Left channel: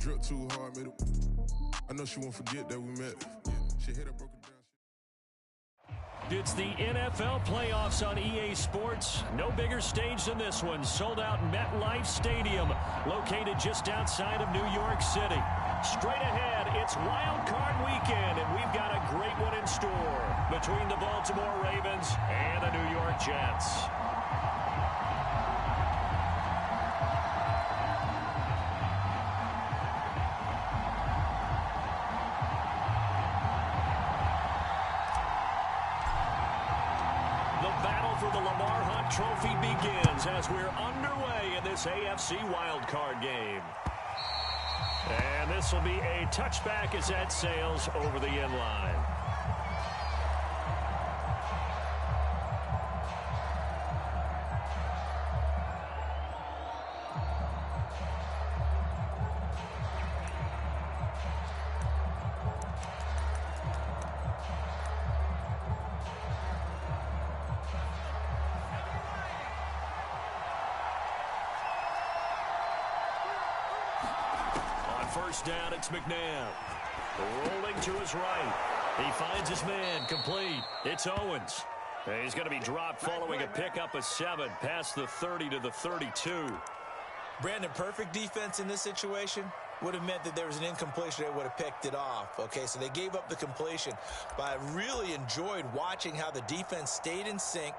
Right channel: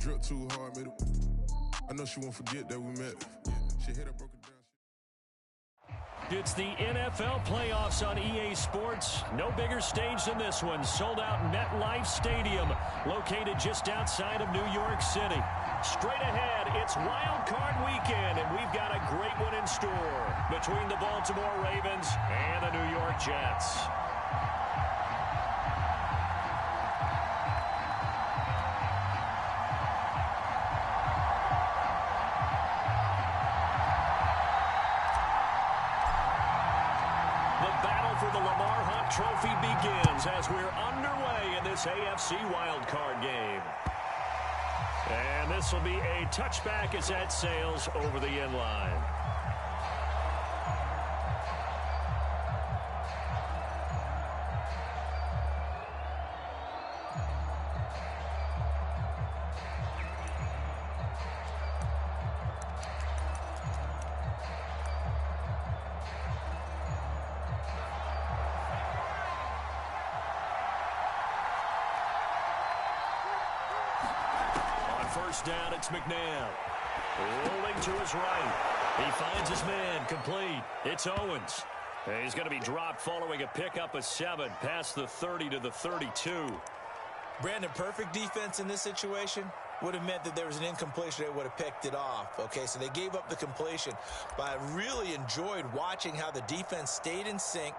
Drip too hard, made it. I know she won't forget that we met. She hit her, broke it down. It's the NFL playoffs on EA Sports. No bigger stage than this one. Sold out MetLife Stadium, located just outside of New York City. Straight ahead, it's Wildcard weekend, and we've got a great one in store between the Baltimore Ravens and the New York Jets. For the Lamar Hunt Trophy begins as we're underway in this AFC wildcard game. And this will be a touchback as that sails over the end line. First down, it's McNabb. Rolling to his right. He finds his man, complete. It's Owens. He's going to be dropped following a pickup of 7 past the 30 to the 32. Brandon, perfect defense in this situation would have meant that there was an incompletion. They would have picked it off. Okay, so they gave up the completion. But I really enjoyed watching how the defense stayed in sync,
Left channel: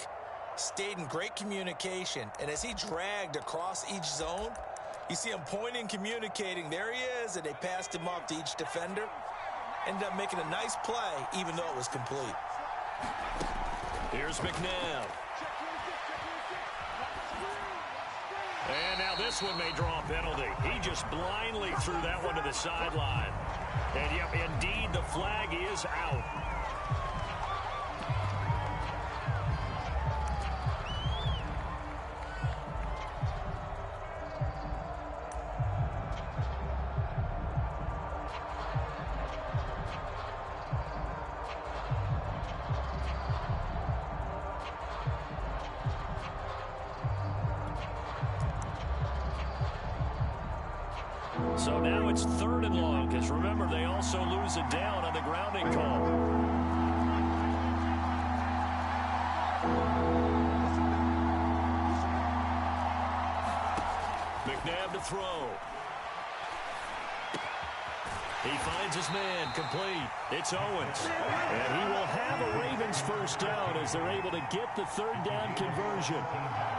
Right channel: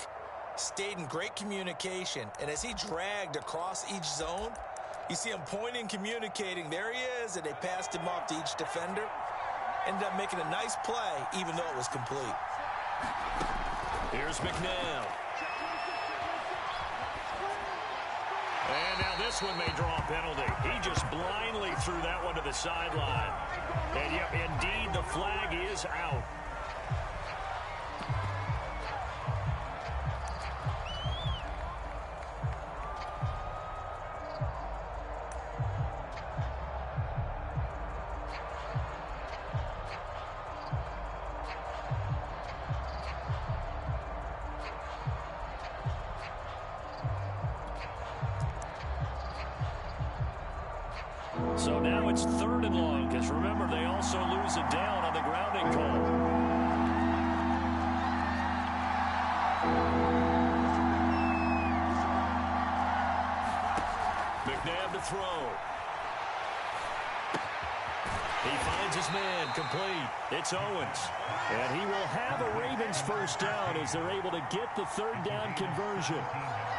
stayed in great communication, and as he dragged across each zone, you see him pointing, communicating. There he is, and they passed him off to each defender. Ended up making a nice play, even though it was complete. Here's McNabb. And now this one may draw a penalty. He just blindly threw that one to the sideline. And, yep, indeed, the flag is out. So now it's 3rd and long, because remember, they also lose a down on the grounding call. McNabb to throw. He finds his man, complete. It's Owens. And he will have a Ravens first down as they're able to get the 3rd down conversion.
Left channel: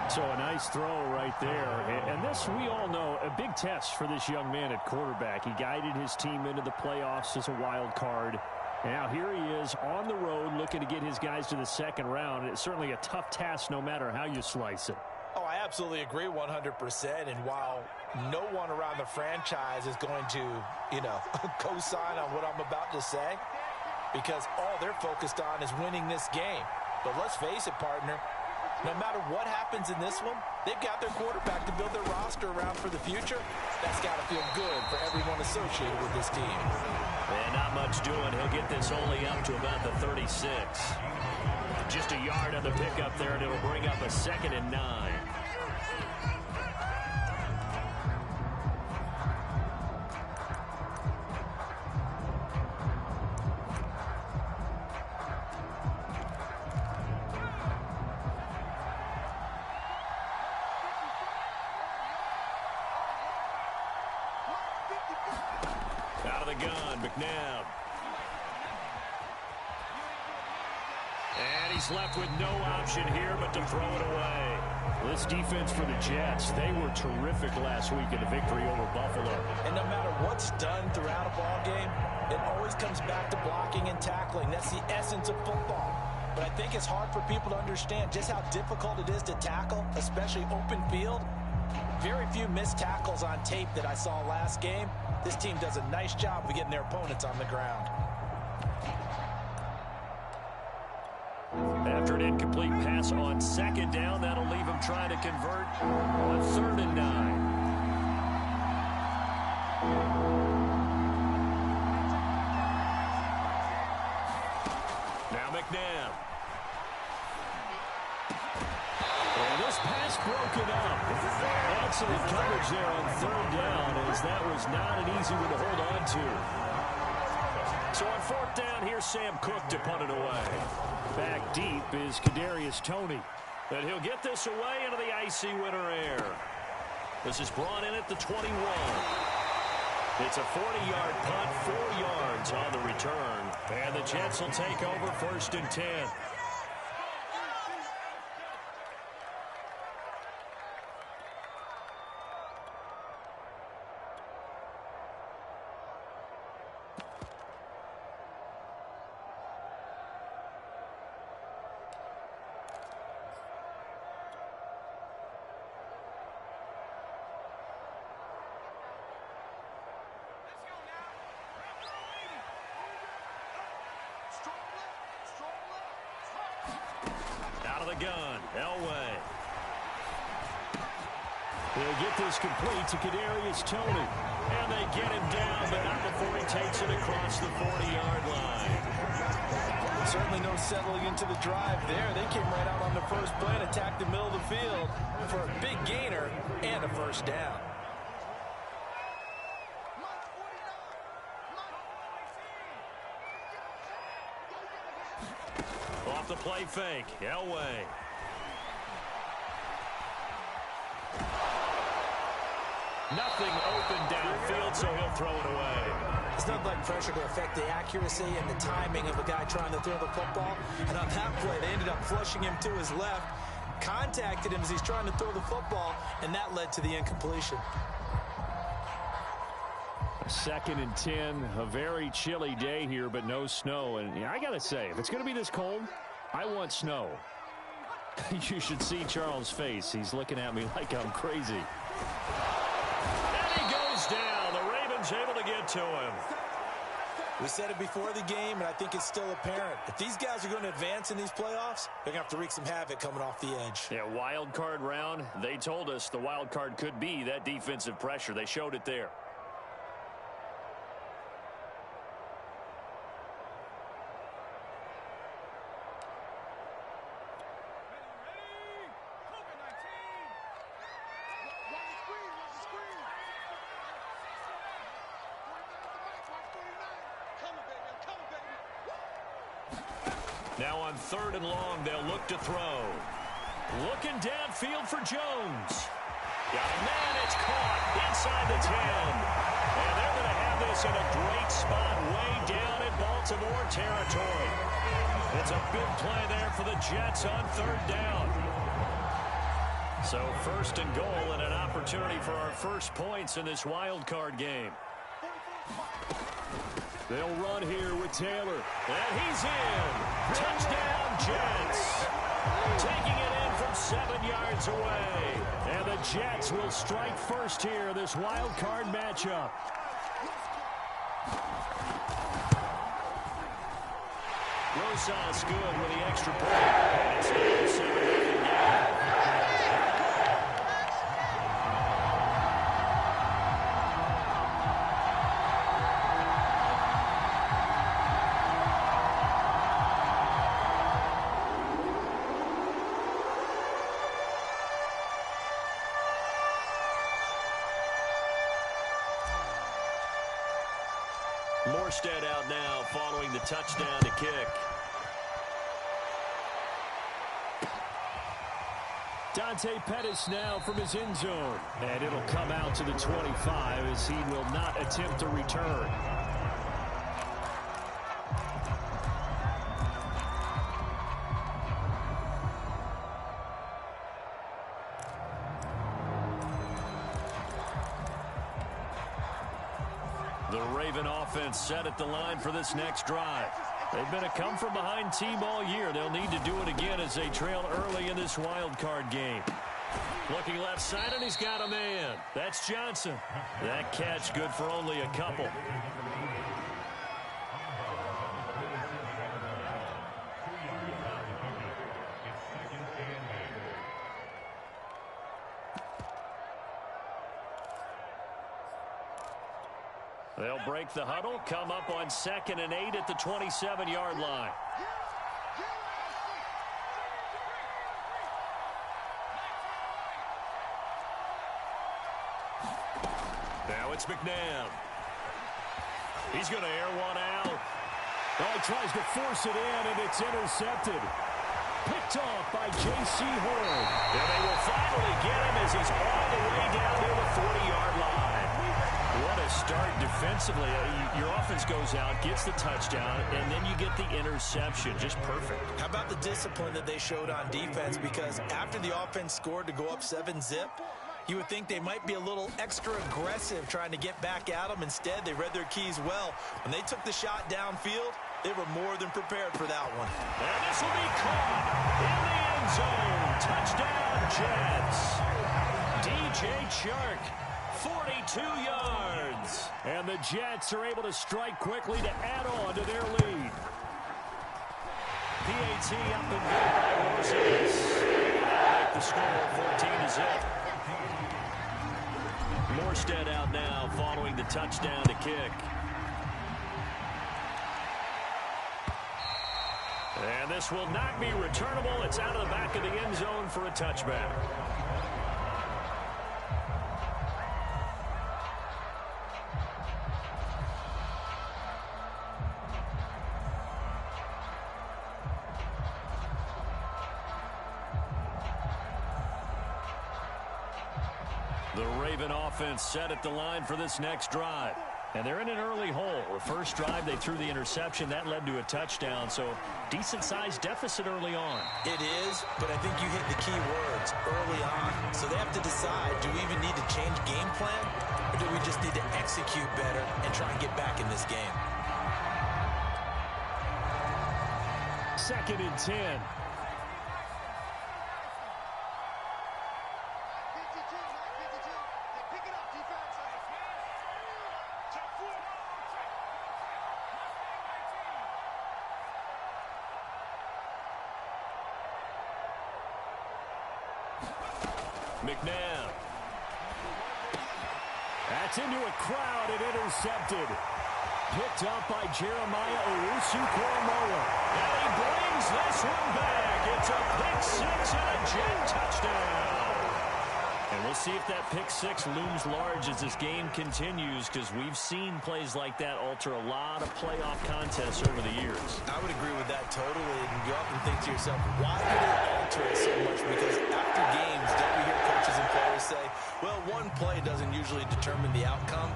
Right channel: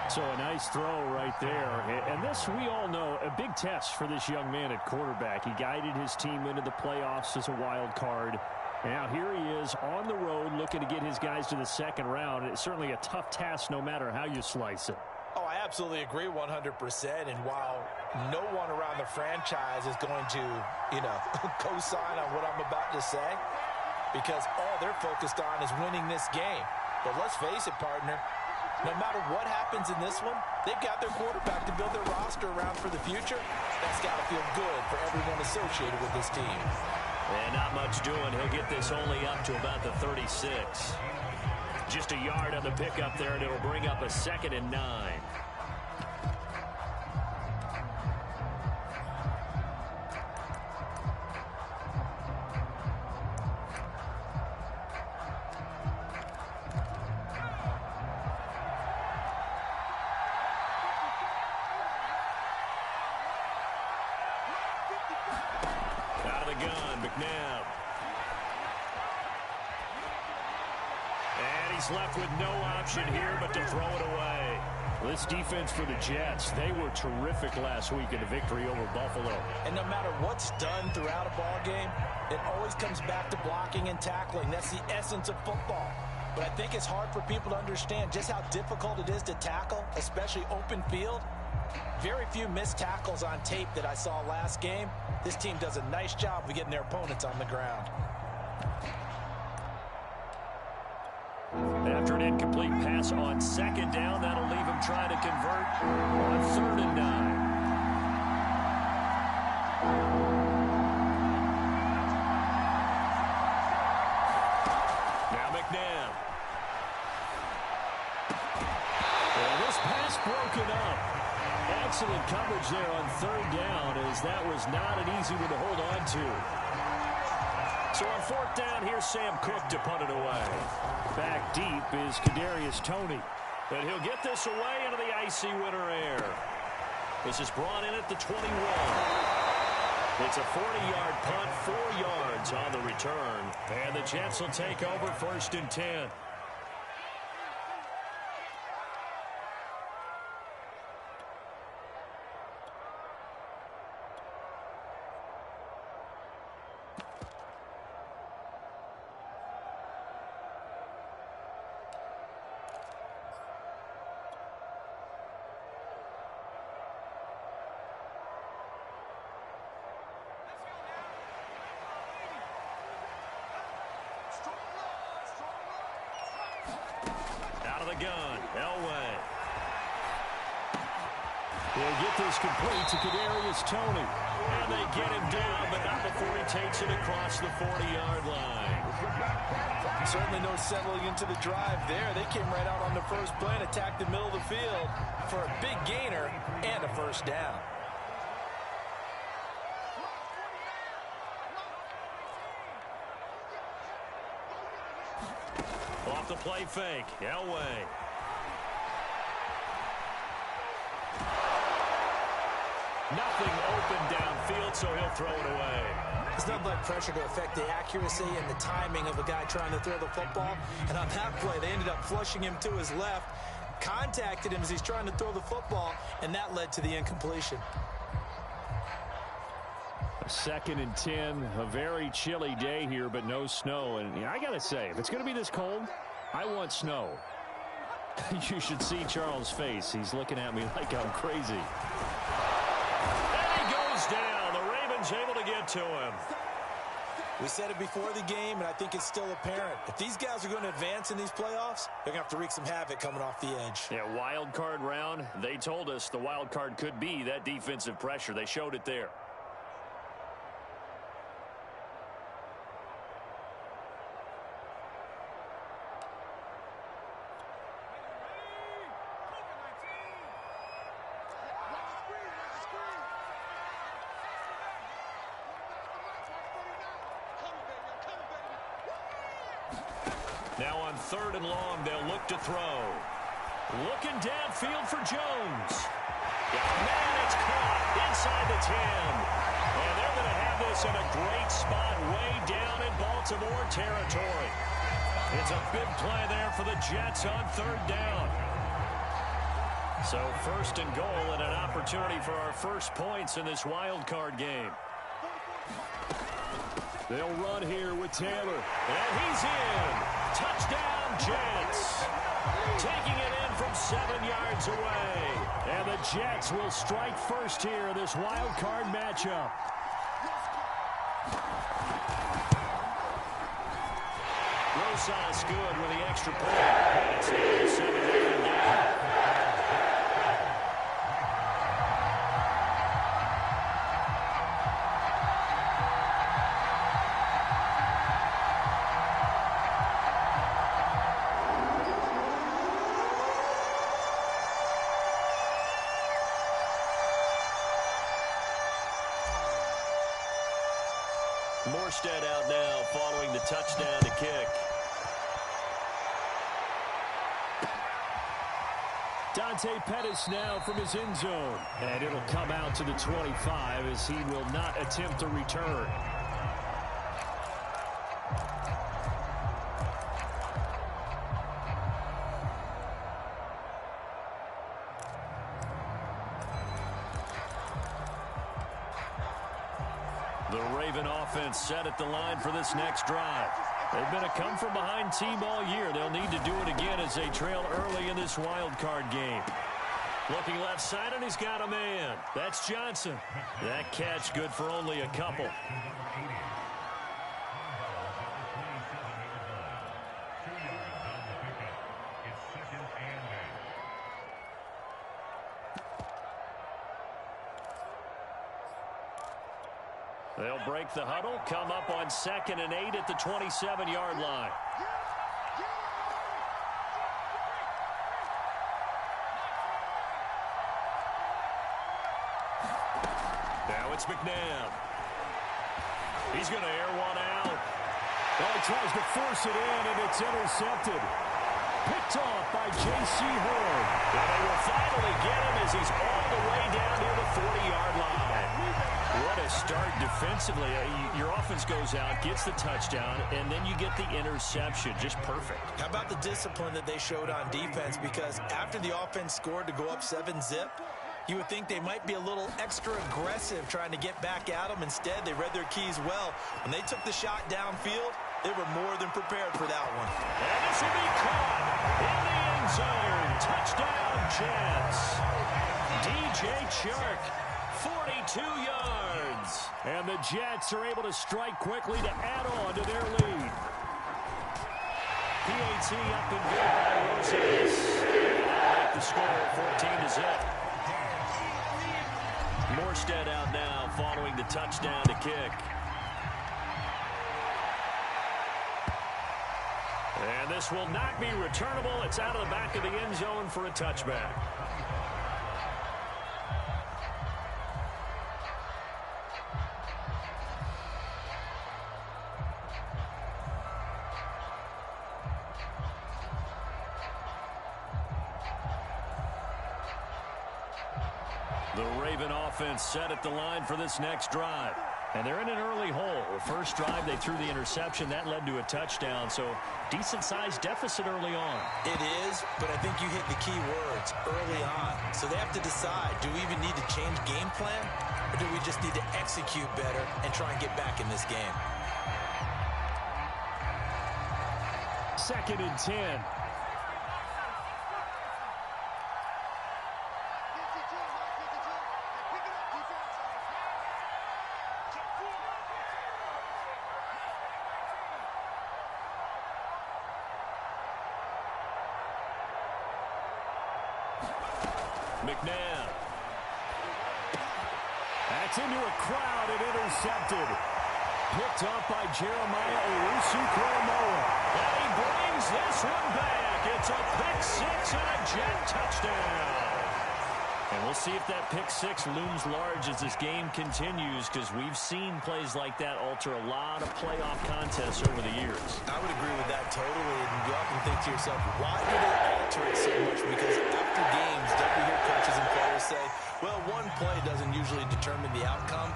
So a nice throw right there. And this, we all know, a big test for this young man at quarterback. He guided his team into the playoffs as a wild card. And now here he is on the road looking to get his guys to the 2nd round. It's certainly a tough task no matter how you slice it. Oh, I absolutely agree 100%. And while no one around the franchise is going to, co-sign on what I'm about to say, because all they're focused on is winning this game. But let's face it, partner, no matter what happens in this one, they've got their quarterback to build their roster around for the future. That's got to feel good for everyone associated with this team. And not much doing. He'll get this only up to about the 36. Just a yard on the pickup there, and it'll bring up a 2nd and 9. Out of the gun, McNabb. And he's left with no option here but to throw it away. This defense for the Jets, they were terrific last week in the victory over Buffalo. And no matter what's done throughout a ball game, it always comes back to blocking and tackling. That's the essence of football. But I think it's hard for people to understand just how difficult it is to tackle, especially open field. Very few missed tackles on tape that I saw last game. This team does a nice job of getting their opponents on the ground. After an incomplete pass on 2nd down, that'll leave him trying to convert on 3rd and 9. Now McNabb. And this pass broken up. Excellent coverage there on third down, as that was not an easy one to hold on to. So on fourth down, here's Sam Cook to punt it away. Back deep is Kadarius Toney. And he'll get this away into the icy winter air. This is brought in at the 21. It's a 40-yard punt, 4 yards on the return. And the Jets will take over first and 10. Out of the gun, Elway. He'll get this complete to Kadarius Toney. And they get him down, but not before he takes it across the 40-yard line. Certainly no settling into the drive there. They came right out on the first play and attacked the middle of the field for a big gainer and a first down. Off the play fake, Elway. Nothing open downfield, so he'll throw it away. It's nothing like pressure to affect the accuracy and the timing of a guy trying to throw the football. And on that play, they ended up flushing him to his left, contacted him as he's trying to throw the football, and that led to the incompletion. A 2nd and 10, a very chilly day here, but no snow. And I got to say, if it's going to be this cold, I want snow. You should see Charles' face. He's looking at me like I'm crazy. And he goes down. The Ravens able to get to him. We said it before the game, and I think it's still apparent. If these guys are going to advance in these playoffs, they're going to have to wreak some havoc coming off the edge. Yeah, wild card round. They told us the wild card could be that defensive pressure. They showed it there. Now on 3rd and long, they'll look to throw. Looking downfield for Jones. Man, it's caught inside the 10. And they're going to have this in a great spot way down in Baltimore territory. It's a big play there for the Jets on 3rd down. So 1st and goal and an opportunity for our first points in this wild card game. They'll run here with Taylor. And he's in. Touchdown, Jets. Taking it in from 7 yards away. And the Jets will strike first here in this wild card matchup. Rosas good with the extra point. And it's now a 7-0 game. Morstead out now following the touchdown to kick. Dante Pettis now from his end zone. And it'll come out to the 25 as he will not attempt a return. The Raven offense set at the line for this next drive. They've been a come-from-behind team all year. They'll need to do it again as they trail early in this wild card game. Looking left side, and he's got a man. That's Johnson. That catch good for only a couple. They'll break the huddle, come up on 2nd and 8 at the 27-yard line. It's McNabb. He's going to air one out. Oh, he tries to force it in, and it's intercepted. Picked off by J.C. Horn. And they will finally get him as he's all the way down near the 40-yard line. What a start defensively. Your offense goes out, gets the touchdown, and then you get the interception. Just perfect. How about the discipline that they showed on defense? Because after the offense scored to go up 7-zip, you would think they might be a little extra aggressive trying to get back at them. Instead, they read their keys well. When they took the shot downfield, they were more than prepared for that one. And this will be caught in the end zone. Touchdown, Jets. DJ Chark, 42 yards. And the Jets are able to strike quickly to add on to their lead. PAT up and good by Rosales. That'll make the score 14-zip. Morstead out now following the touchdown to kick. And this will not be returnable. It's out of the back of the end zone for a touchback. The Raven offense set at the line for this next drive. And they're in an early hole. The first drive, they threw the interception. That led to a touchdown, so decent-sized deficit early on. It is, but I think you hit the key words, early on. So they have to decide, do we even need to change game plan, or do we just need to execute better and try and get back in this game? 2nd and 10. McNabb. That's into a crowd and intercepted. Picked up by Jeremiah Owusu-Koramoah. And he brings this one back. It's a pick-6 and a Jet touchdown. And we'll see if that pick-6 looms large as this game continues, because we've seen plays like that alter a lot of playoff contests over the years. I would agree with that totally. And you often think to yourself, why do they alter it so much? Because after games, don't we hear coaches and players say, well, one play doesn't usually determine the outcome.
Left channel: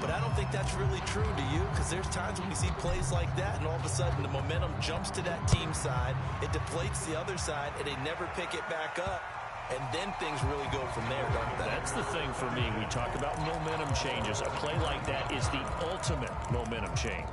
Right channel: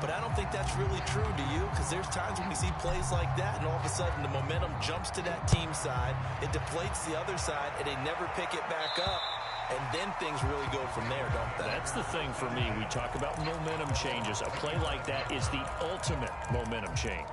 But I don't think that's really true, do you? Because there's times when we see plays like that, and all of a sudden the momentum jumps to that team side, it deflates the other side, and they never pick it back up. And then things really go from there, don't they? That's the thing for me. We talk about momentum changes. A play like that is the ultimate momentum change.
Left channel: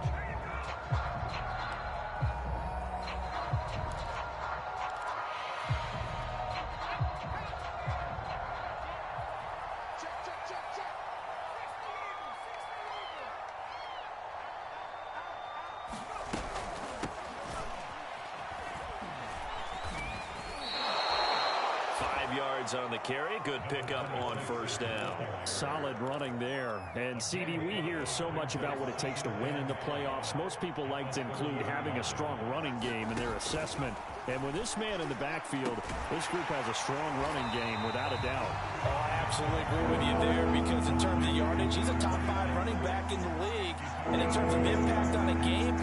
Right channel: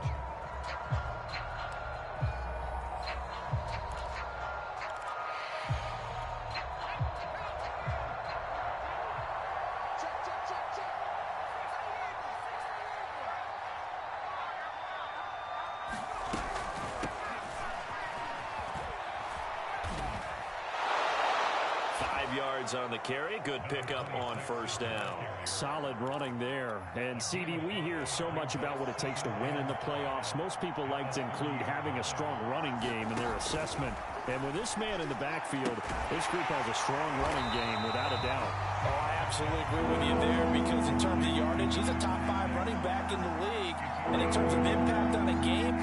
On the carry. Good pickup on first down. Solid running there. And CD, we hear so much about what it takes to win in the playoffs. Most people like to include having a strong running game in their assessment. And with this man in the backfield, this group has a strong running game without a doubt. Oh, I absolutely agree with you there, because in terms of yardage, he's a top 5 running back in the league. And in terms of impact on a game,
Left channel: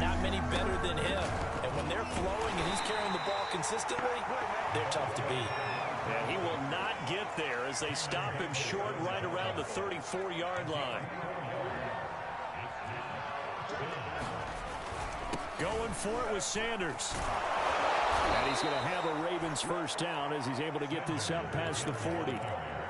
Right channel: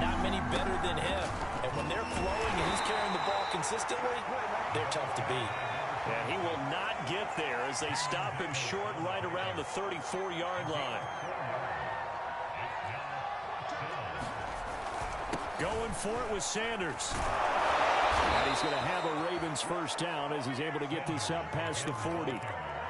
not many better than him. And when they're flowing and he's carrying the ball consistently, they're tough to beat. And he will not get there as they stop him short right around the 34-yard line. Going for it with Sanders. And he's going to have a Ravens first down as he's able to get this up past the 40.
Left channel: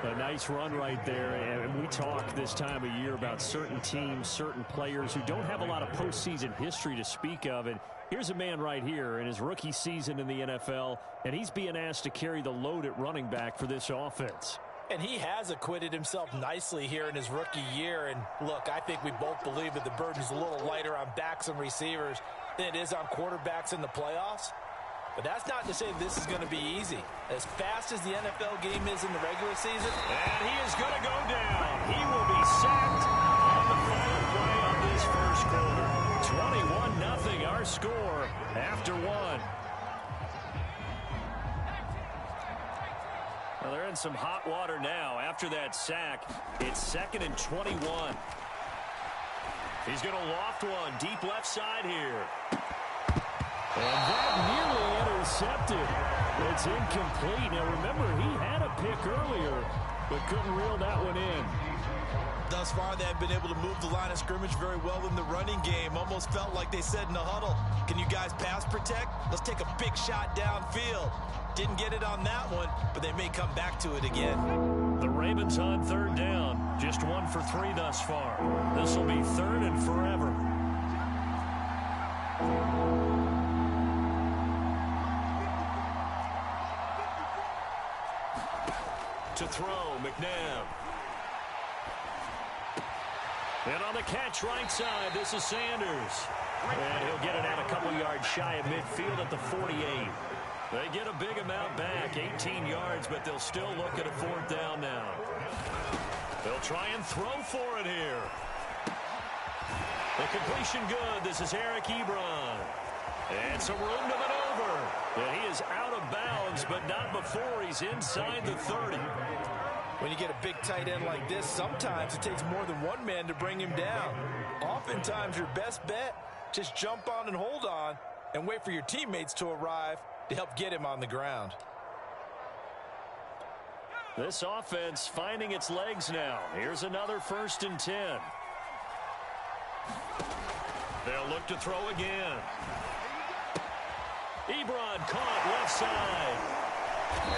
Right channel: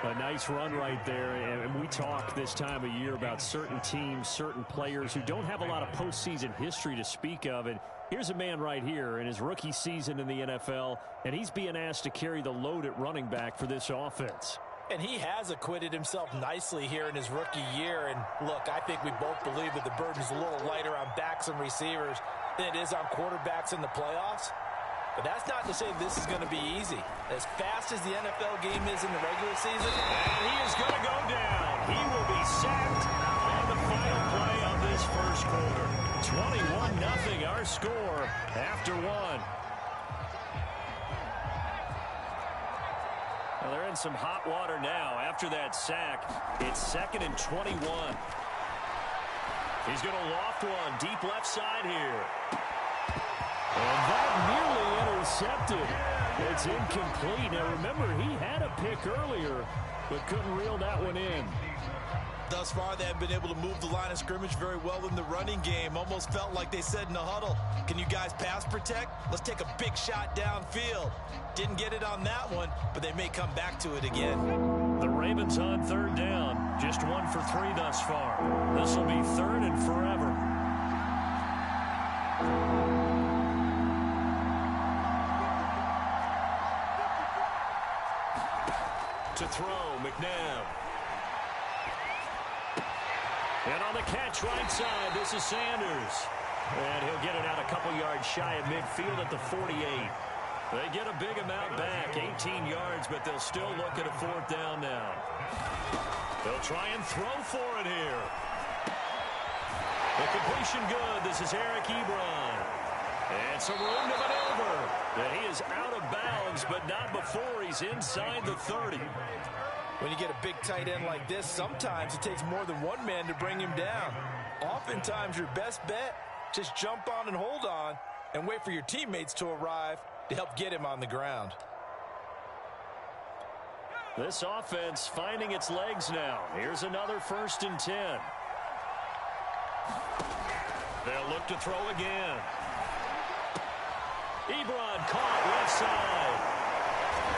A nice run right there. And we talk this time of year about certain teams, certain players who don't have a lot of postseason history to speak of. And here's a man right here in his rookie season in the NFL, and he's being asked to carry the load at running back for this offense. And he has acquitted himself nicely here in his rookie year. And look, I think we both believe that the burden's a little lighter on backs and receivers than it is on quarterbacks in the playoffs. But that's not to say this is going to be easy. As fast as the NFL game is in the regular season, and he is going to go down. He will be sacked on the final play of this first quarter. 21-0 our score after one. they're in some hot water now. After that sack, it's 2nd and 21. He's going to loft one deep left side here. And that nearly intercepted. It's incomplete. Now, remember, he had a pick earlier, but couldn't reel that one in. Thus far, they have been able to move the line of scrimmage very well in the running game. Almost felt like they said in the huddle, can you guys pass protect? Let's take a big shot downfield. Didn't get it on that one, but they may come back to it again. The Ravens on 3rd down. Just 1 for 3 thus far. This will be 3rd and forever. To throw, McNabb. And on the catch right side, this is Sanders. And he'll get it out a couple yards shy of midfield at the 48. They get a big amount back, 18 yards, but they'll still look at a 4th down now. They'll try and throw for it here. The completion good. This is Eric Ebron. And some room to maneuver. And he is out of bounds, but not before he's inside the 30. When you get a big tight end like this, sometimes it takes more than one man to bring him down. Oftentimes, your best bet, just jump on and hold on and wait for your teammates to arrive to help get him on the ground. This offense finding its legs now. Here's another 1st and 10. They'll look to throw again. Ebron caught left side.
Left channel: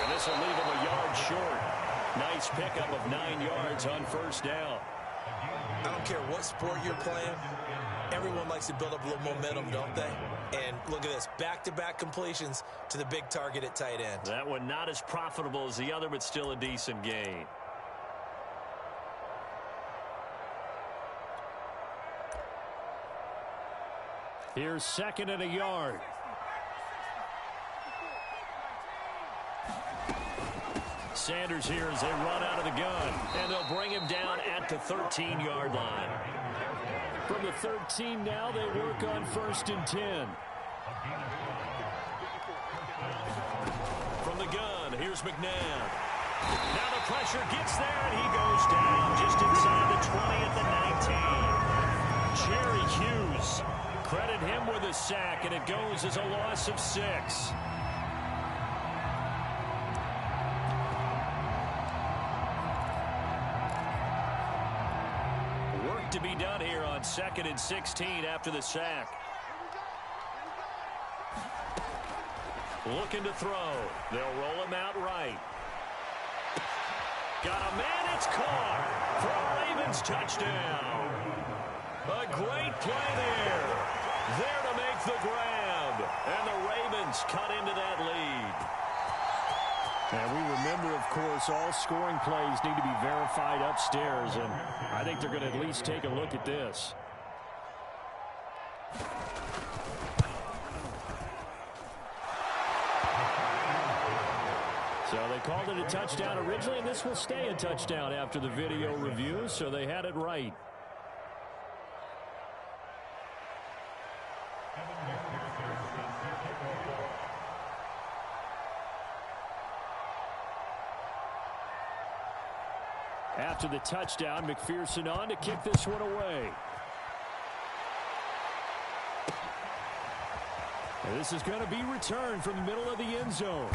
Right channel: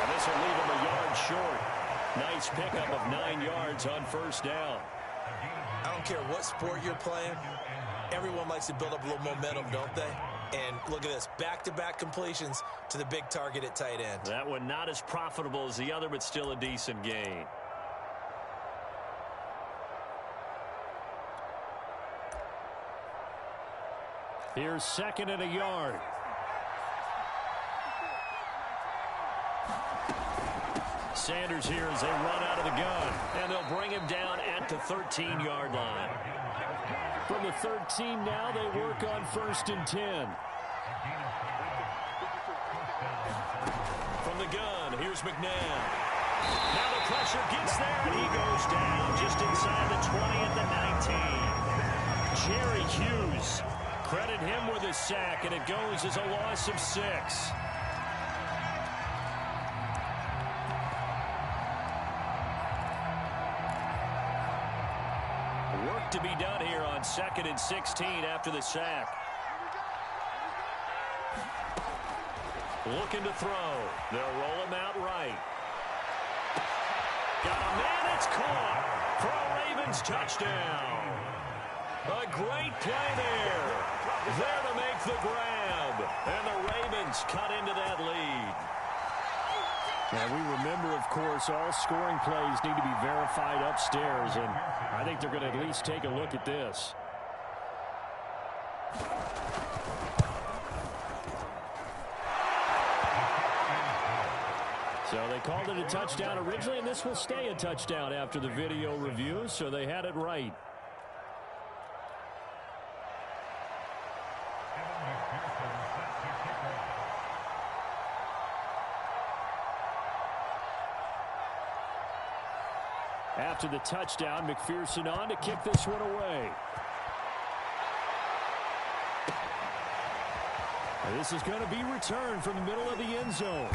And this will leave him a yard short. Nice pickup of 9 yards on 1st down. I don't care what sport you're playing. Everyone likes to build up a little momentum, don't they? And look at this, back-to-back completions to the big target at tight end. That one not as profitable as the other, but still a decent gain. Here's 2nd and a yard. Sanders here as they run out of the gun. And they'll bring him down at the 13-yard line. From the 13 now, they work on 1st and 10. From the gun, here's McNabb. Now the pressure gets there, and he goes down just inside the 20 at the 19. Jerry Hughes. Credit him with a sack, and it goes as a loss of 6. Work to be done here on 2nd and 16 after the sack. Looking to throw. They'll roll him out right. Got a man, it's caught for a Ravens touchdown. A great play there. There to make the grab. And the Ravens cut into that lead. And we remember, of course, all scoring plays need to be verified upstairs, and I think they're going to at least take a look at this. So they called it a touchdown originally, and this will stay a touchdown after the video review, so they had it right. After the touchdown, McPherson on to kick this one away. And this is going to be returned from the middle of the end zone.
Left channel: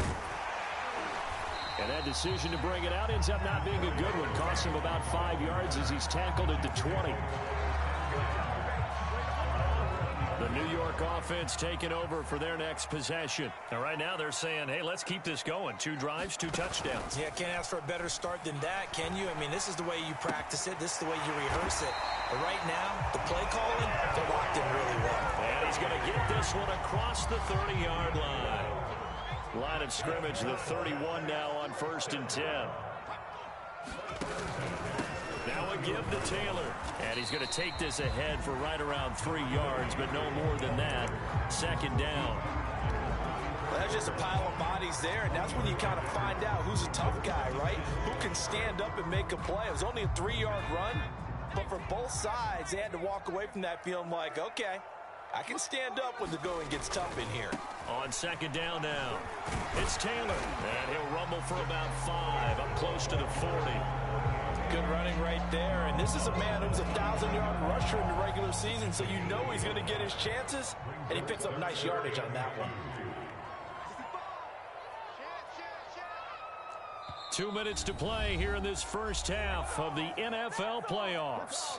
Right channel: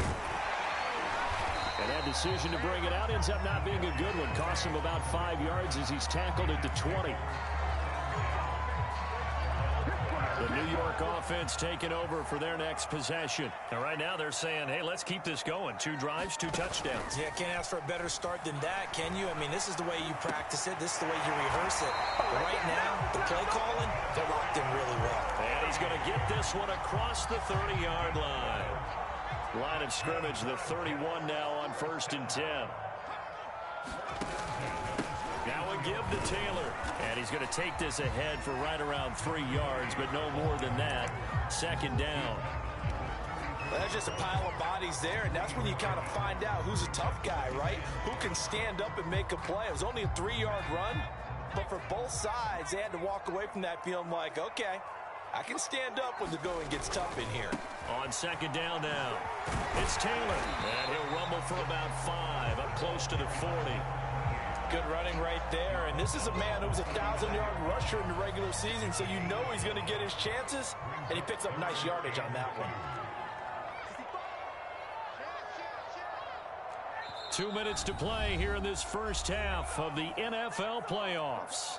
And that decision to bring it out ends up not being a good one. Costs him about 5 yards as he's tackled at the 20. The New York offense taking over for their next possession. And right now they're saying, hey, let's keep this going. 2 drives, 2 touchdowns. Yeah, can't ask for a better start than that, can you? I mean, this is the way you practice it. This is the way you rehearse it. But right now, the play calling, they're locked in really well. And he's going to get this one across the 30-yard line. Line of scrimmage, the 31 now on 1st and 10. Now a give to Taylor. And he's going to take this ahead for right around 3 yards, but no more than that. 2nd down. Well, that's just a pile of bodies there, and that's when you kind of find out who's a tough guy, right? Who can stand up and make a play. It was only a 3-yard run, but for both sides, they had to walk away from that feeling like, okay, I can stand up when the going gets tough in here. On second down now, it's Taylor, and he'll rumble for about 5, up close to the 40. Good running right there, and this is a man who was a 1,000-yard rusher in the regular season, so you know he's going to get his chances, and he picks up nice yardage on that one. 2 minutes to play here in this first half of the NFL playoffs.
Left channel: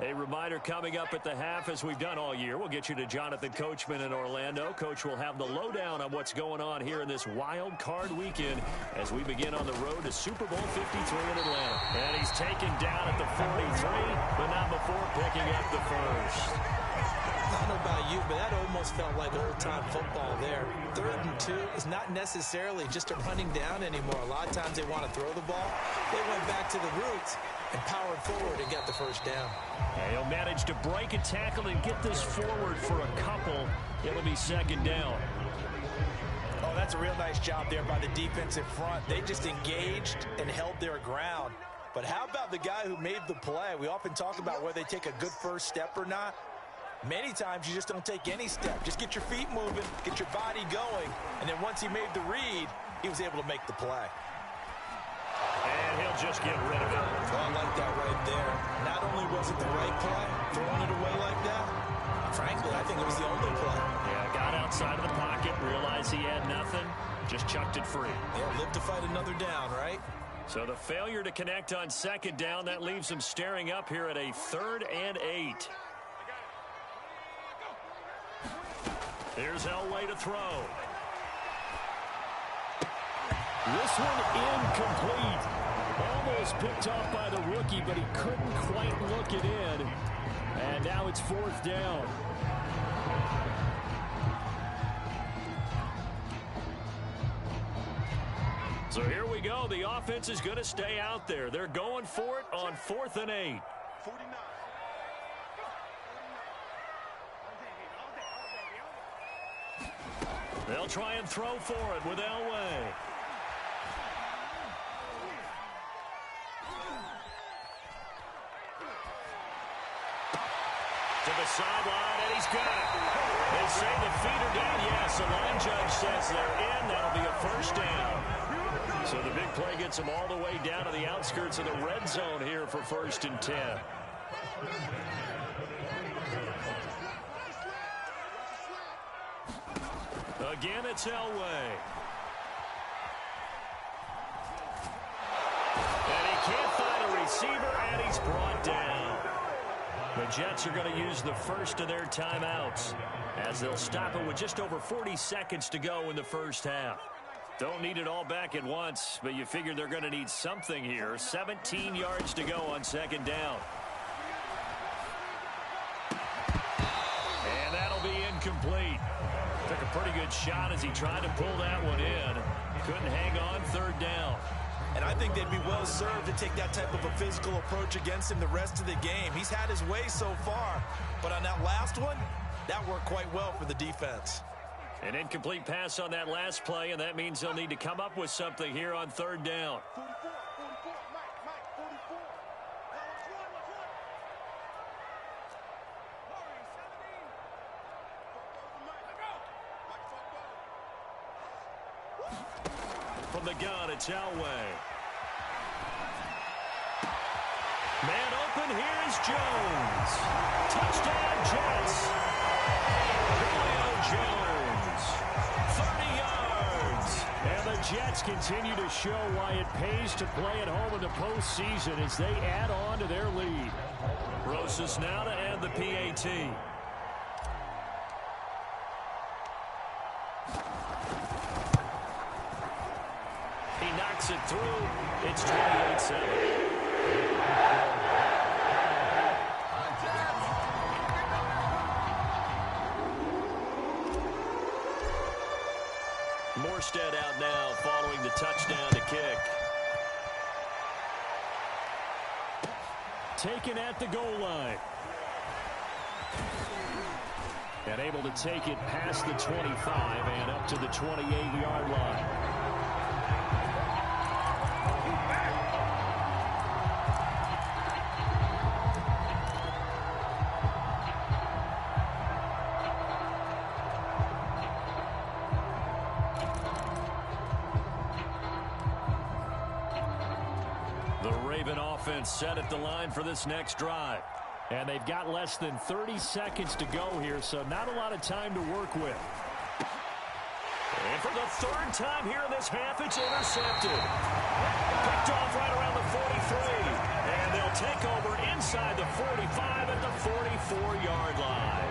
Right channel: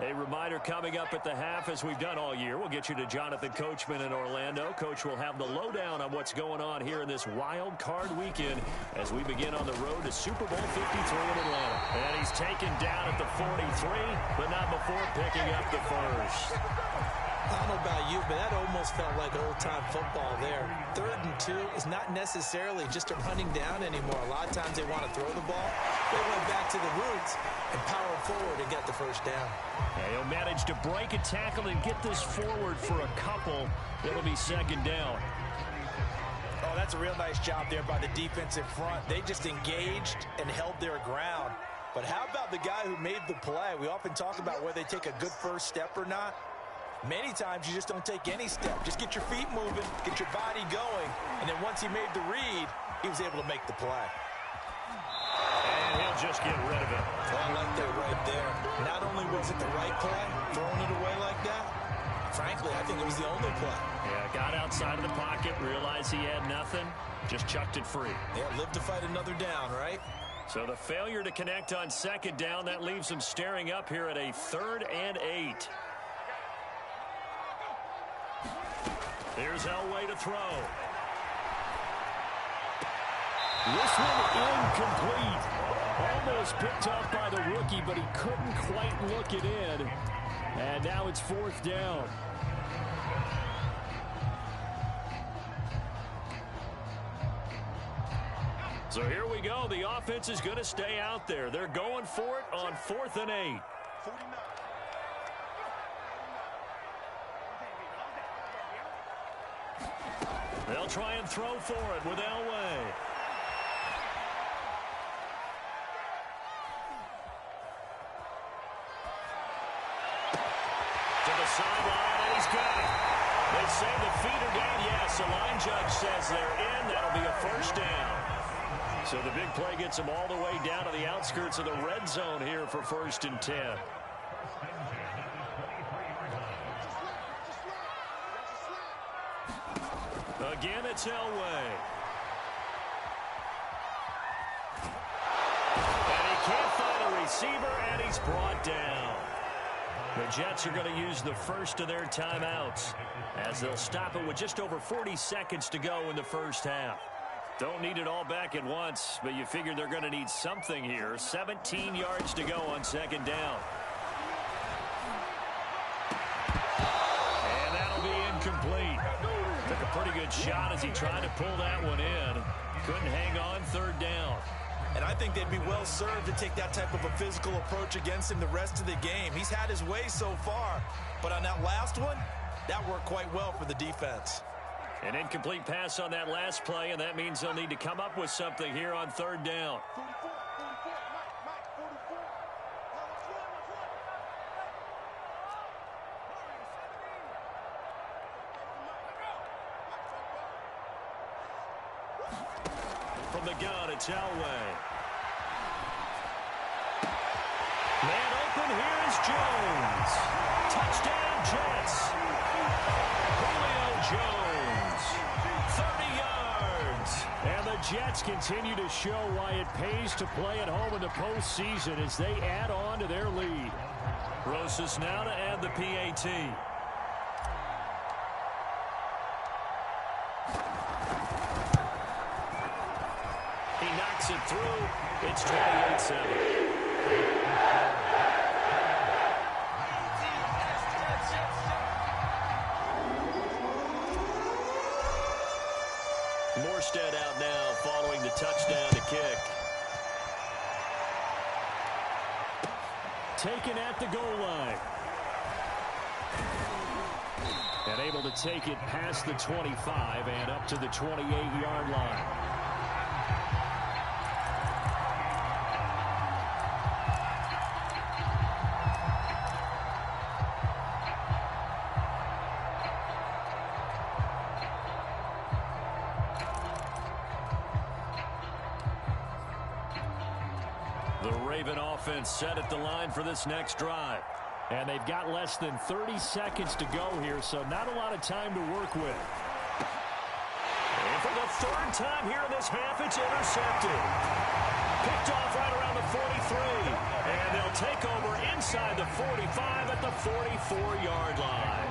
A reminder coming up at the half, as we've done all year. We'll get you to Jonathan Coachman in Orlando. Coach will have the lowdown on what's going on here in this wild card weekend as we begin on the road to Super Bowl 53 in Atlanta. And he's taken down at the 43, but not before picking up the first. I don't know about you, but that almost felt like old-time football there. 3rd and 2 is not necessarily just a running down anymore. A lot of times they want to throw the ball. They went back to the roots and powered forward and got the first down. And he'll manage to break a tackle and get this forward for a couple. It'll be second down. Oh, that's a real nice job there by the defensive front. They just engaged and held their ground. But how about the guy who made the play? We often talk about whether they take a good first step or not. Many times you just don't take any step. Just get your feet moving, get your body going, and then once he made the read, he was able to make the play. And he'll just get rid of it. Oh, I like that right there. Not only was it the right play, throwing it away like that, frankly, I think it was the only play. Yeah, got outside of the pocket, realized he had nothing, just chucked it free. Yeah, live to fight another down, right? So the failure to connect on second down, that leaves him staring up here at a 3rd and 8. Here's Elway to throw. This one incomplete. Almost picked off by the rookie, but he couldn't quite look it in. And now it's 4th down. So here we go. The offense is going to stay out there. They're going for it on 4th and 8. 49. They'll try and throw for it with Elway. To the sideline, and he's got it. They say the feet are down. Yes, the line judge says they're in. That'll be a first down. So the big play gets them all the way down to the outskirts of the red zone here for 1st and 10. Again, it's Elway. And he can't find a receiver, and he's brought down. The Jets are going to use the first of their timeouts as they'll stop it with just over 40 seconds to go in the first half. Don't need it all back at once, but you figure they're going to need something here. 17 yards to go on second down. And that'll be incomplete. Took a pretty good shot as he tried to pull that one in. Couldn't hang on 3rd down. And I think they'd be well served to take that type of a physical approach against him the rest of the game. He's had his way so far, but on that last one, that worked quite well for the defense. An incomplete pass on that last play, and that means they'll need to come up with something here on 3rd down. 44, Mike, 44. From the gun, it's Elway. Man open, here is Jones. Touchdown, Jets. Julio Jones, 30 yards. And the Jets continue to show why it pays to play at home in the postseason as they add on to their lead. Rosas now to add the PAT. He knocks it through. It's 28-7. Morstead out now following the touchdown to kick. Taken at the goal line. And able to take it past the 25 and up to the 28-yard line. The Raven offense set at the line for this next drive. And they've got less than 30 seconds to go here, so not a lot of time to work with. And for the third time here in this half, it's intercepted. Picked off right around the 43. And they'll take over inside the 45 at the 44-yard line.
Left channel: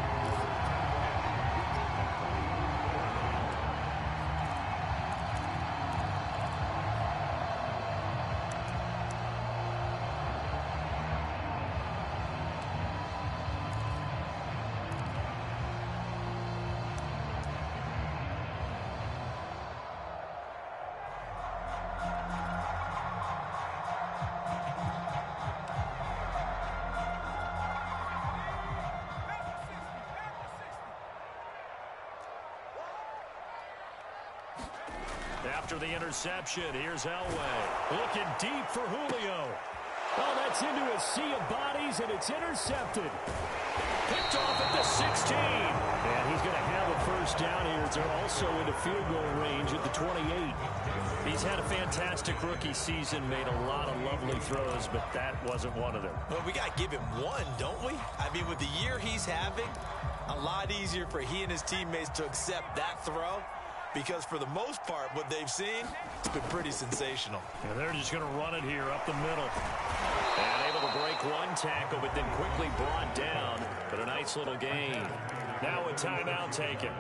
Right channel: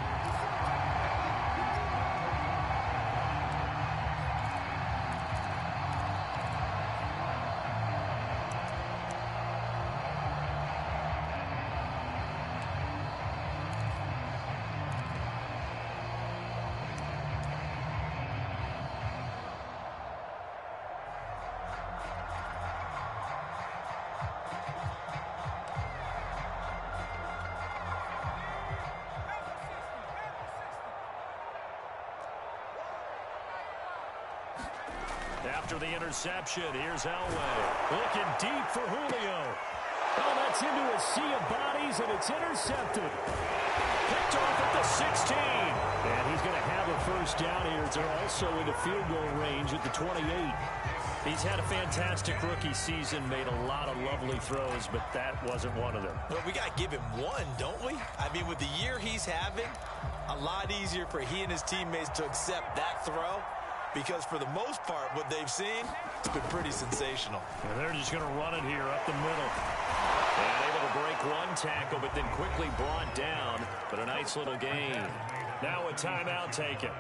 After the interception, here's Elway. Looking deep for Julio. Oh, that's into a sea of bodies, and it's intercepted. Picked off at the 16. And he's going to have a first down here. They're also into field goal range at the 28. He's had a fantastic rookie season, made a lot of lovely throws, but that wasn't one of them. Well, we got to give him one, don't we? I mean, with the year he's having, a lot easier for he and his teammates to accept that throw. Because for the most part, what they've seen, it's been pretty sensational. Yeah, they're just going to run it here up the middle. And able to break one tackle, but then quickly brought down. But a nice little gain. Now a timeout taken.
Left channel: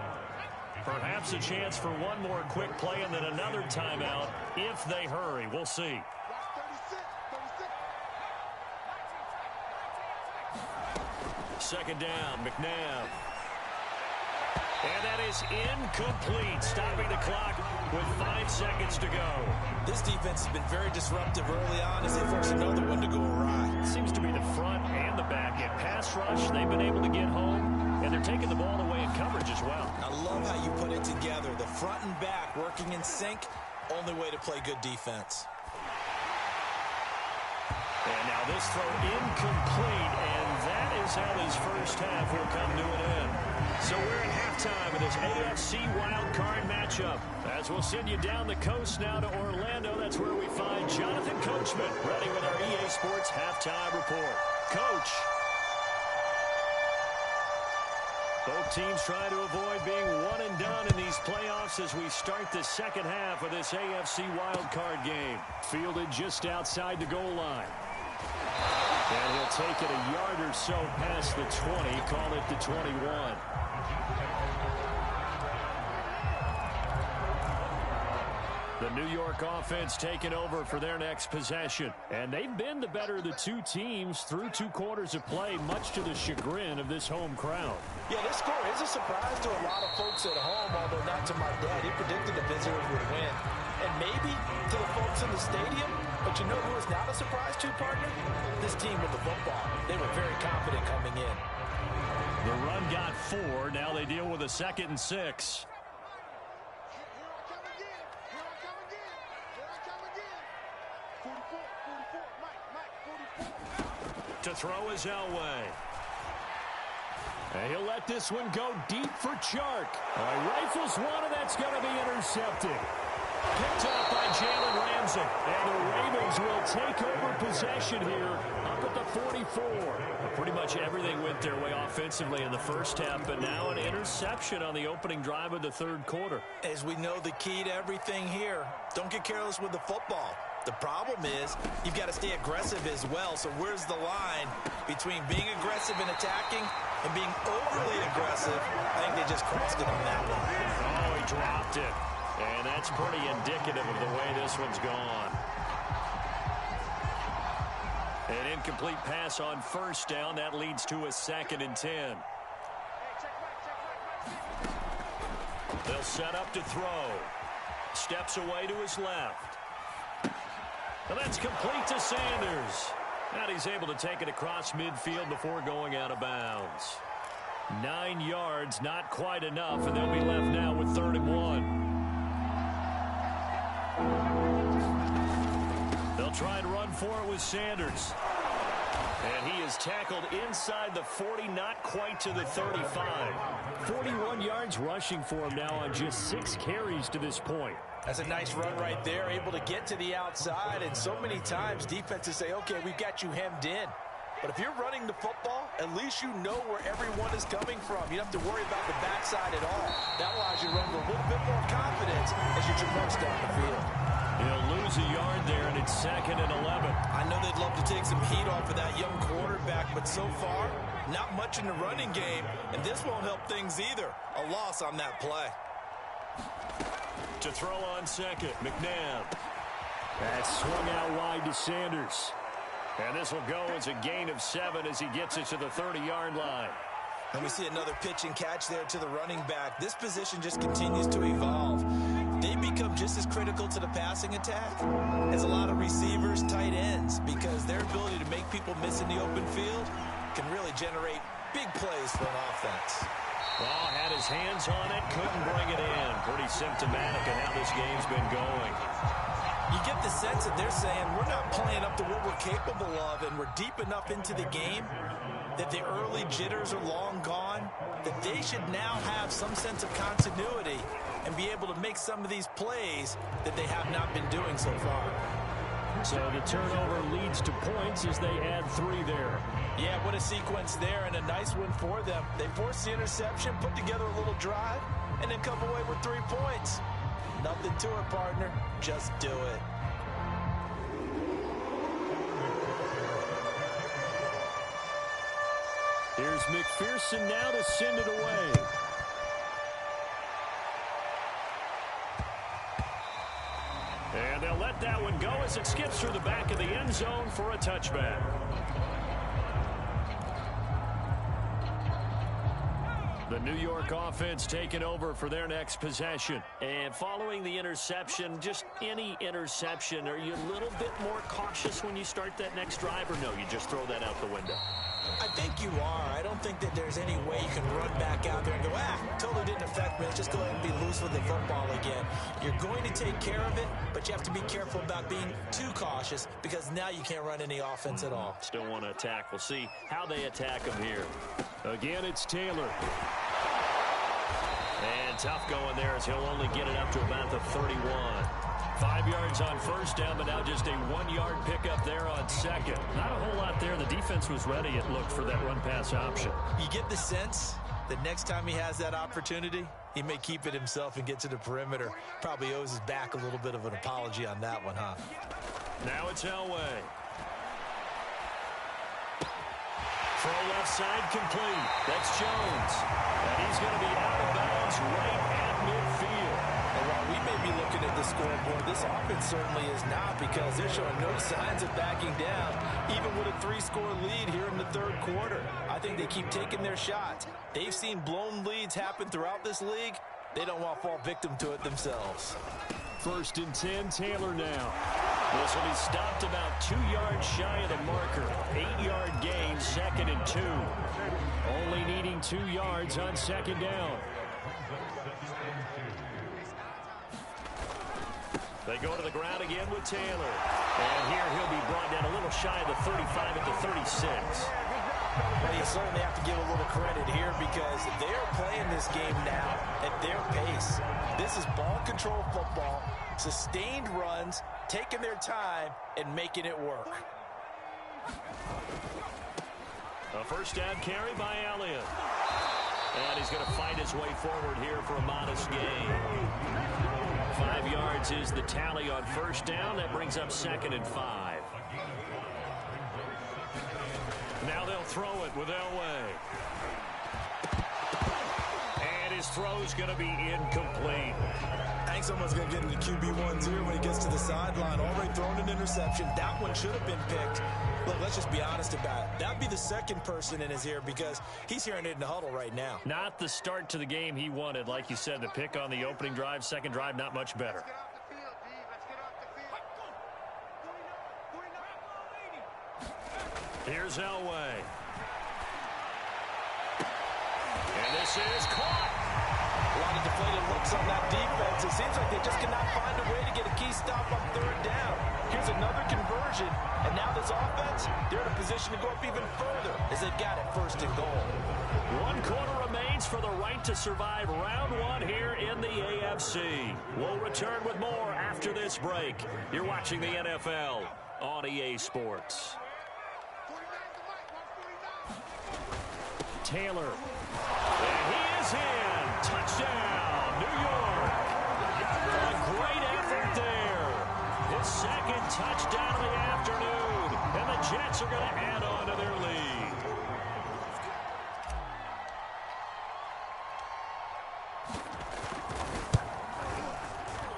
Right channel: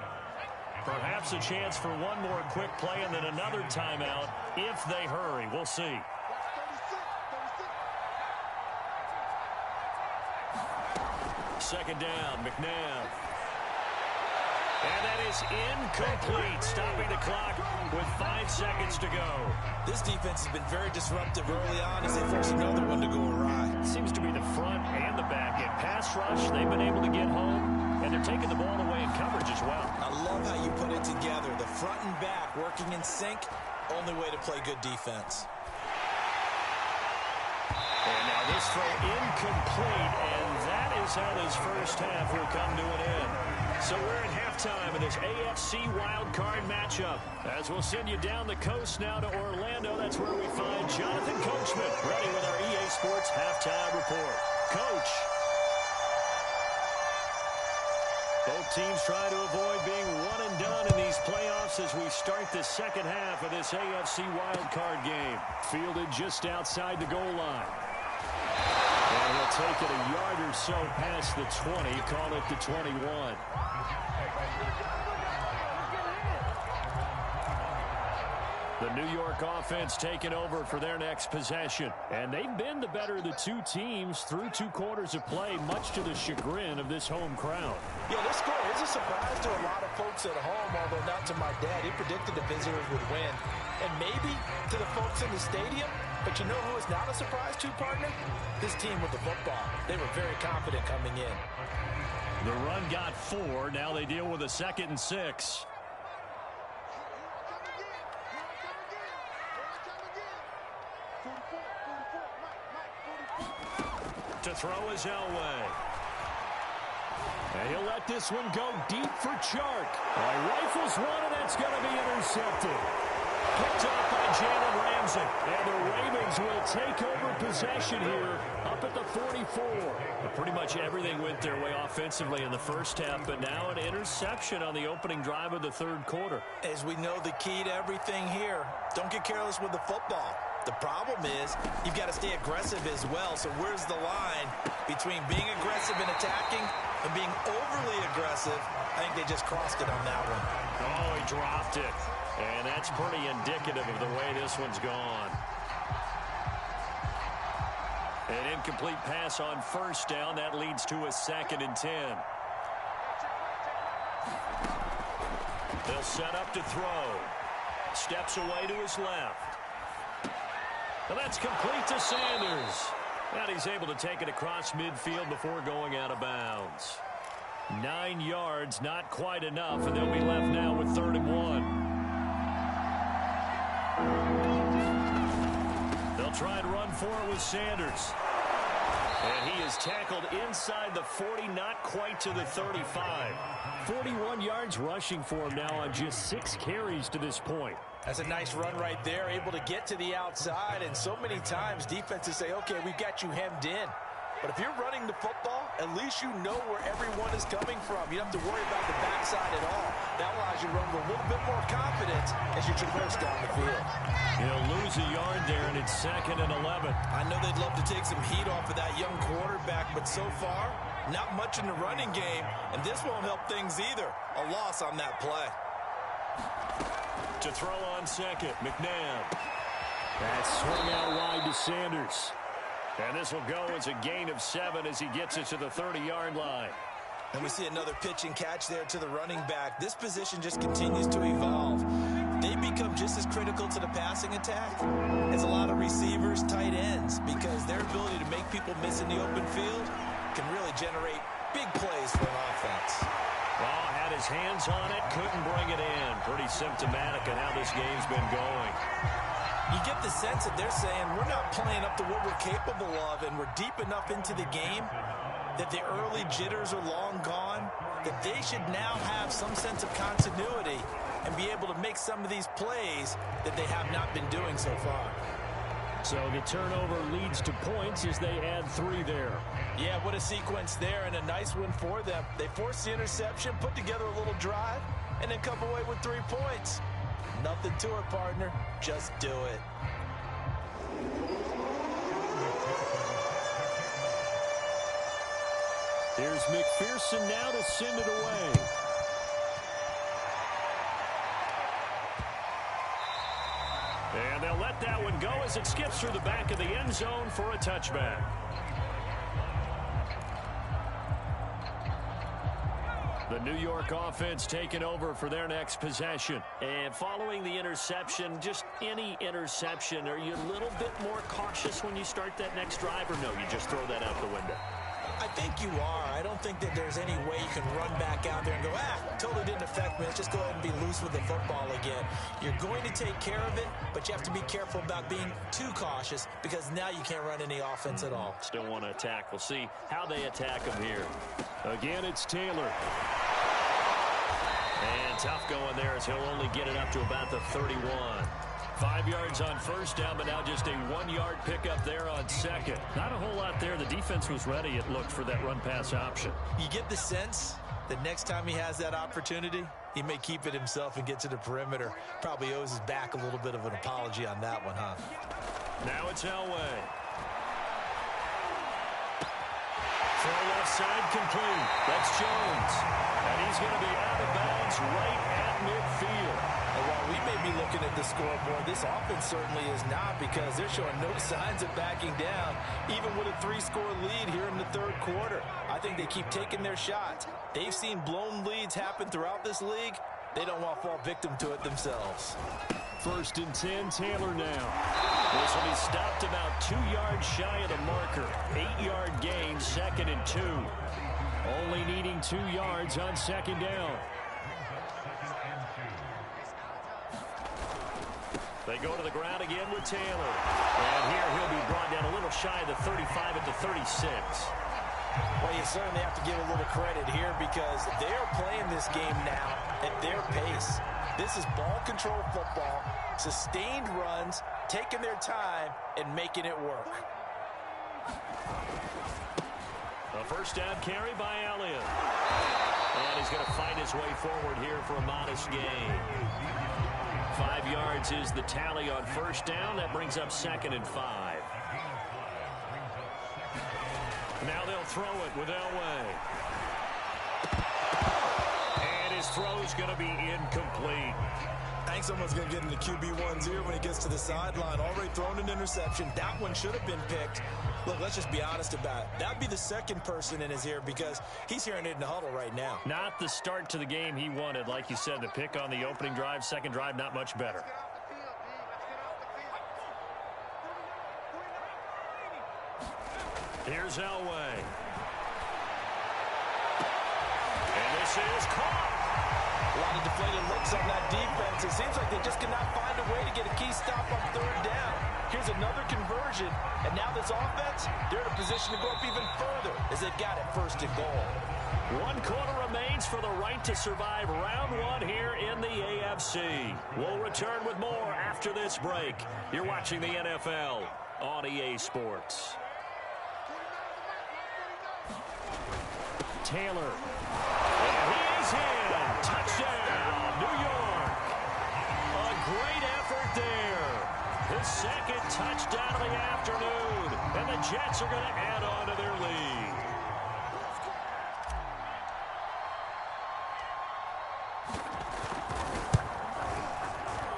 Perhaps a chance for one more quick play and then another timeout if they hurry. We'll see. 36. Second down, McNabb. And that is incomplete, stopping the clock with 5 seconds to go. This defense has been very disruptive early on as they force another one to go awry. It seems to be the front and the back. In pass rush, they've been able to get home, and they're taking the ball away in coverage as well. I love how you put it together. The front and back working in sync, only way to play good defense. And now this throw incomplete, and that is how this first half will come to an end. So we're in halftime of this AFC Wildcard matchup. As we'll send you down the coast now to Orlando, that's where we find Jonathan Coachman, ready with our EA Sports Halftime Report. Coach. Both teams try to avoid being one and done in these playoffs as we start the second half of this AFC Wildcard game. Fielded just outside the goal line. And he'll take it a yard or so past the 20, call it the 21. The New York offense taking over for their next possession. And they've been the better of the two teams through 2 quarters of play, much to the chagrin of this home crowd. Yeah, this score is a surprise to a lot of folks at home, although not to my dad. He predicted the visitors would win. And maybe to the folks in the stadium. But you know who is not a surprise to, partner? This team with the football. They were very confident coming in. The run got 4. Now they deal with a 2nd and 6. To throw is Elway. And he'll let this one go deep for Chark. He rifles one, and that's going to be intercepted. Picked off by Jalen Ramsey. And the Ravens will take over possession here up at the 44. Well, pretty much everything went their way offensively in the first half, but now an interception on the opening drive of the 3rd quarter. As we know, the key to everything here, don't get careless with the football. The problem is you've got to stay aggressive as well. So where's the line between being aggressive and attacking and being overly aggressive? I think they just crossed it on that one. Oh, he dropped it. And that's pretty indicative of the way this one's gone. An incomplete pass on first down. That leads to a 2nd and 10. They'll set up to throw. Steps away to his left. And that's complete to Sanders. And he's able to take it across midfield before going out of bounds. 9 yards, not quite enough, and they'll be left now with 3rd and 1. They'll try and run for it with Sanders. And he is tackled inside the 40, not quite to the 35. 41 yards rushing for him now on just 6 carries to this point. That's a nice run right there, able to get to the outside. And so many times defenses say, okay, we've got you hemmed in. But if you're running the football, at least you know where everyone is coming from. You don't have to worry about the backside at all. That allows you to run with a little bit more confidence as you traverse down the field. He'll lose a yard there, and it's 2nd and 11. I know they'd love to take some heat off of that young quarterback, but so far, not much in the running game, and this won't help things either. A loss on that play. To throw on second, McNabb. That's swung out wide to Sanders. And this will go as a gain of 7 as he gets it to the 30-yard line. And we see another pitch and catch there to the running back. This position just continues to evolve. They become just as critical to the passing attack as a lot of receivers, tight ends, because their ability to make people miss in the open field can really generate big plays for an offense. Well, had his hands on it, couldn't bring it in. Pretty symptomatic of how this game's been going. You get the sense that they're saying we're not playing up to what we're capable of, and we're deep enough into the game that the early jitters are long gone, that they should now have some sense of continuity and be able to make some of these plays that they have not been doing so far. So the turnover leads to points as they add 3 there. Yeah, what a sequence there, and a nice one for them. They forced the interception, put together a little drive, and then come away with 3 points. Nothing to it, partner. Just do it. Here's McPherson now to send it away. And they'll let that one go as it skips through the back of the end zone for a touchback. The New York offense taking over for their next possession. And following the interception, just any interception, are you a little bit more cautious when you start that next drive, or no, you just throw that out the window? I think you are. I don't think that there's any way you can run back out there and go, totally didn't affect me. Let's just go ahead and be loose with the football again. You're going to take care of it, but you have to be careful about being too cautious because now you can't run any offense at all. Still want to attack. We'll see how they attack him here. Again, it's Taylor. And tough going there as he'll only get it up to about the 31. 5 yards on first down, but now just a 1-yard pickup there on second. Not a whole lot there. The defense was ready, it looked, for that run-pass option. You get the sense that next time he has that opportunity, he may keep it himself and get to the perimeter. Probably owes his back a little bit of an apology on that one, huh? Now it's Elway. Throw left side complete. That's Jones. And he's going to be out of bounds right at midfield. And while we may be looking at the scoreboard, this offense certainly is not, because they're showing no signs of backing down, even with a 3-score lead here in the third quarter. I think they keep taking their shots. They've seen blown leads happen throughout this league. They don't want to fall victim to it themselves. 1st and 10, Taylor now. This will be stopped about 2 yards shy of the marker. 8-yard gain, 2nd and 2. Only needing 2 yards on 2nd down. They go to the ground again with Taylor. And here he'll be brought down a little shy of the 35 at the 36. Well, you certainly have to give a little credit here because they are playing this game now at their pace. This is ball control football, sustained runs, taking their time, and making it work. A first down carry by Elliott. And he's going to fight his way forward here for a modest gain. 5 yards is the tally on first down. That brings up 2nd and 5. Now they'll throw it with Elway. And his throw's going to be incomplete. I think someone's going to get into QB1's ear when he gets to the sideline. Already thrown an interception. That one should have been picked. Look, let's just be honest about it. That'd be the second person in his ear because he's hearing it in the huddle right now. Not the start to the game he wanted. Like you said, the pick on the opening drive, second drive, not much better. Here's Elway. And this is caught. A lot of deflated looks on that defense. It seems like they just cannot find a way to get a key stop on third down. Here here's another conversion, and now this offense, they're in a position to go up even further as they've got it first and goal. 1 quarter remains for the right to survive round 1 here in the AFC. We'll return with more after this break. You're watching the NFL on EA Sports. Taylor. And he is in. Touchdown, New York. A great effort there. His second touchdown of the afternoon. And the Jets are going to add on to their lead.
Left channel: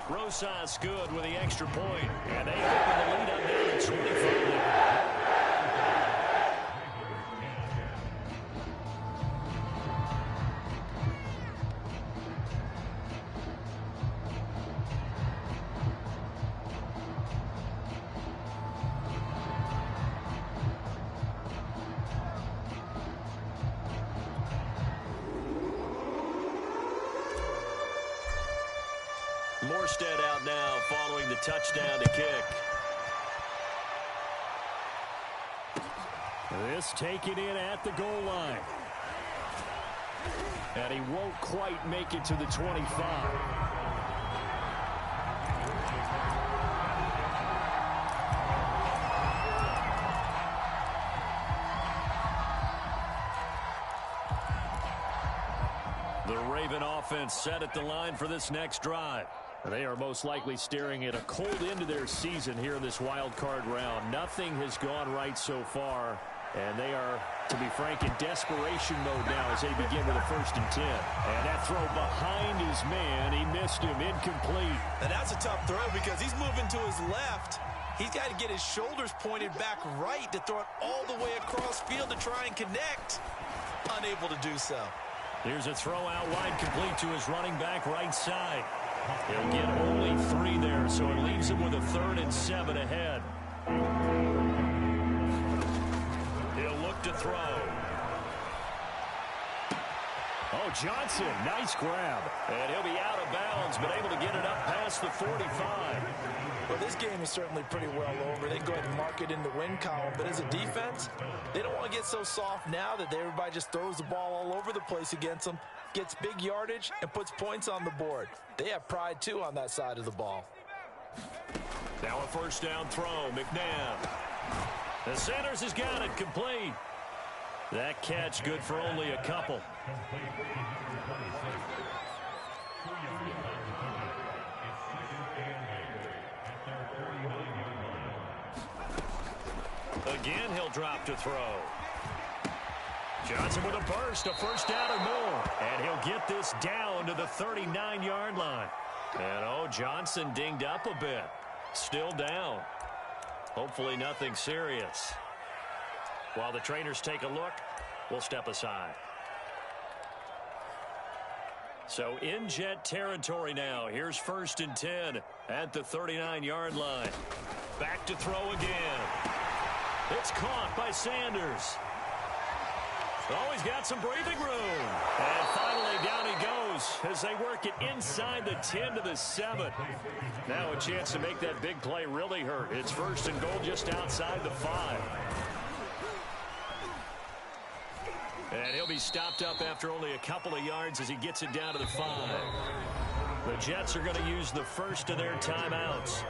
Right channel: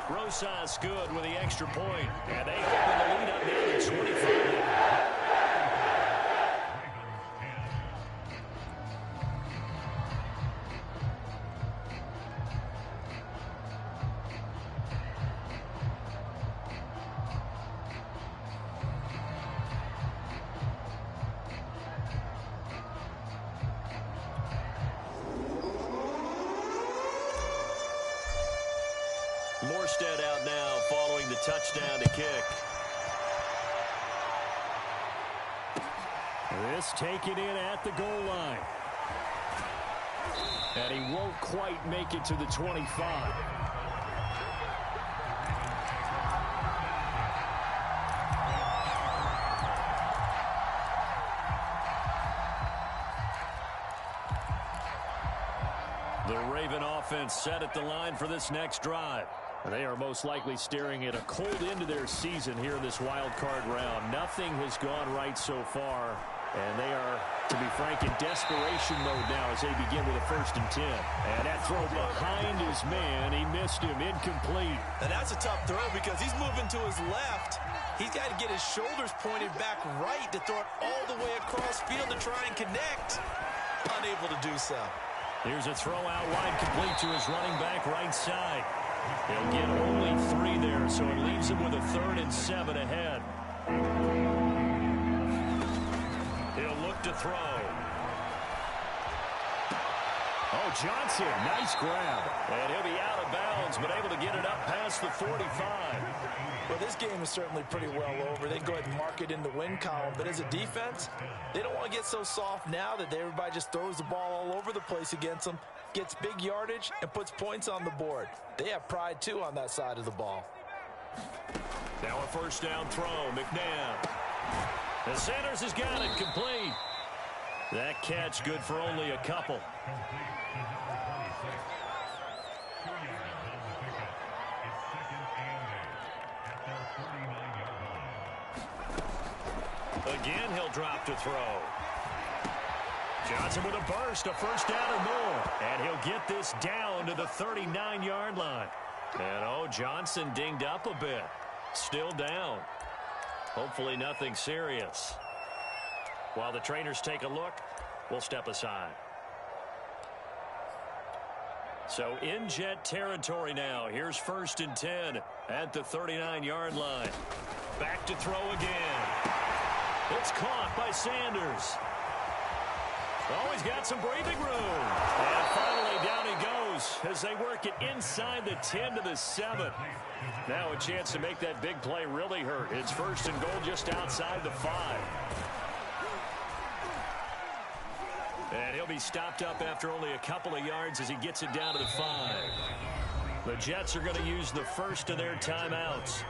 Rosas good with the extra point. And they open the lead up now to 25. Morstead out now following the touchdown to kick. This taken in at the goal line. And he won't quite make it to the 25. The Raven offense set at the line for this next drive. They are most likely staring at a cold end to their season here in this wild card round. Nothing has gone right so far, and they are, to be frank, in desperation mode now as they begin with a 1st and 10. And that throw behind his man, he missed him, incomplete. And that's a tough throw because he's moving to his left. He's got to get his shoulders pointed back right to throw it all the way across field to try and connect. Unable to do so. Here's a throw out wide, complete to his running back right side. He'll get only 3 there, so it leaves him with a 3rd and 7 ahead. He'll look to throw. Oh, Johnson, nice grab. And he'll be out of bounds, but able to get it up past the 45. Well, this game is certainly pretty well over. They can go ahead and mark it in the win column. But as a defense, they don't want to get so soft now that everybody just throws the ball all over the place against them, gets big yardage, and puts points on the board. They have pride, too, on that side of the ball. Now a 1st down throw, McNabb. The Sanders has got it, complete. That catch good for only a couple. Again, he'll drop to throw. Johnson with a burst, a 1st down or more. And he'll get this down to the 39-yard line. And, oh, Johnson dinged up a bit. Still down. Hopefully nothing serious. While the trainers take a look, we'll step aside. So in Jet territory now. Here's 1st and 10 at the 39-yard line. Back to throw again. It's caught by Sanders. Oh, he's got some breathing room. And finally down he goes as they work it inside the 10 to the 7. Now a chance to make that big play really hurt. It's 1st and goal just outside the 5. And he'll be stopped up after only a couple of yards as he gets it down to the 5. The Jets are going to use the 1st of their timeouts.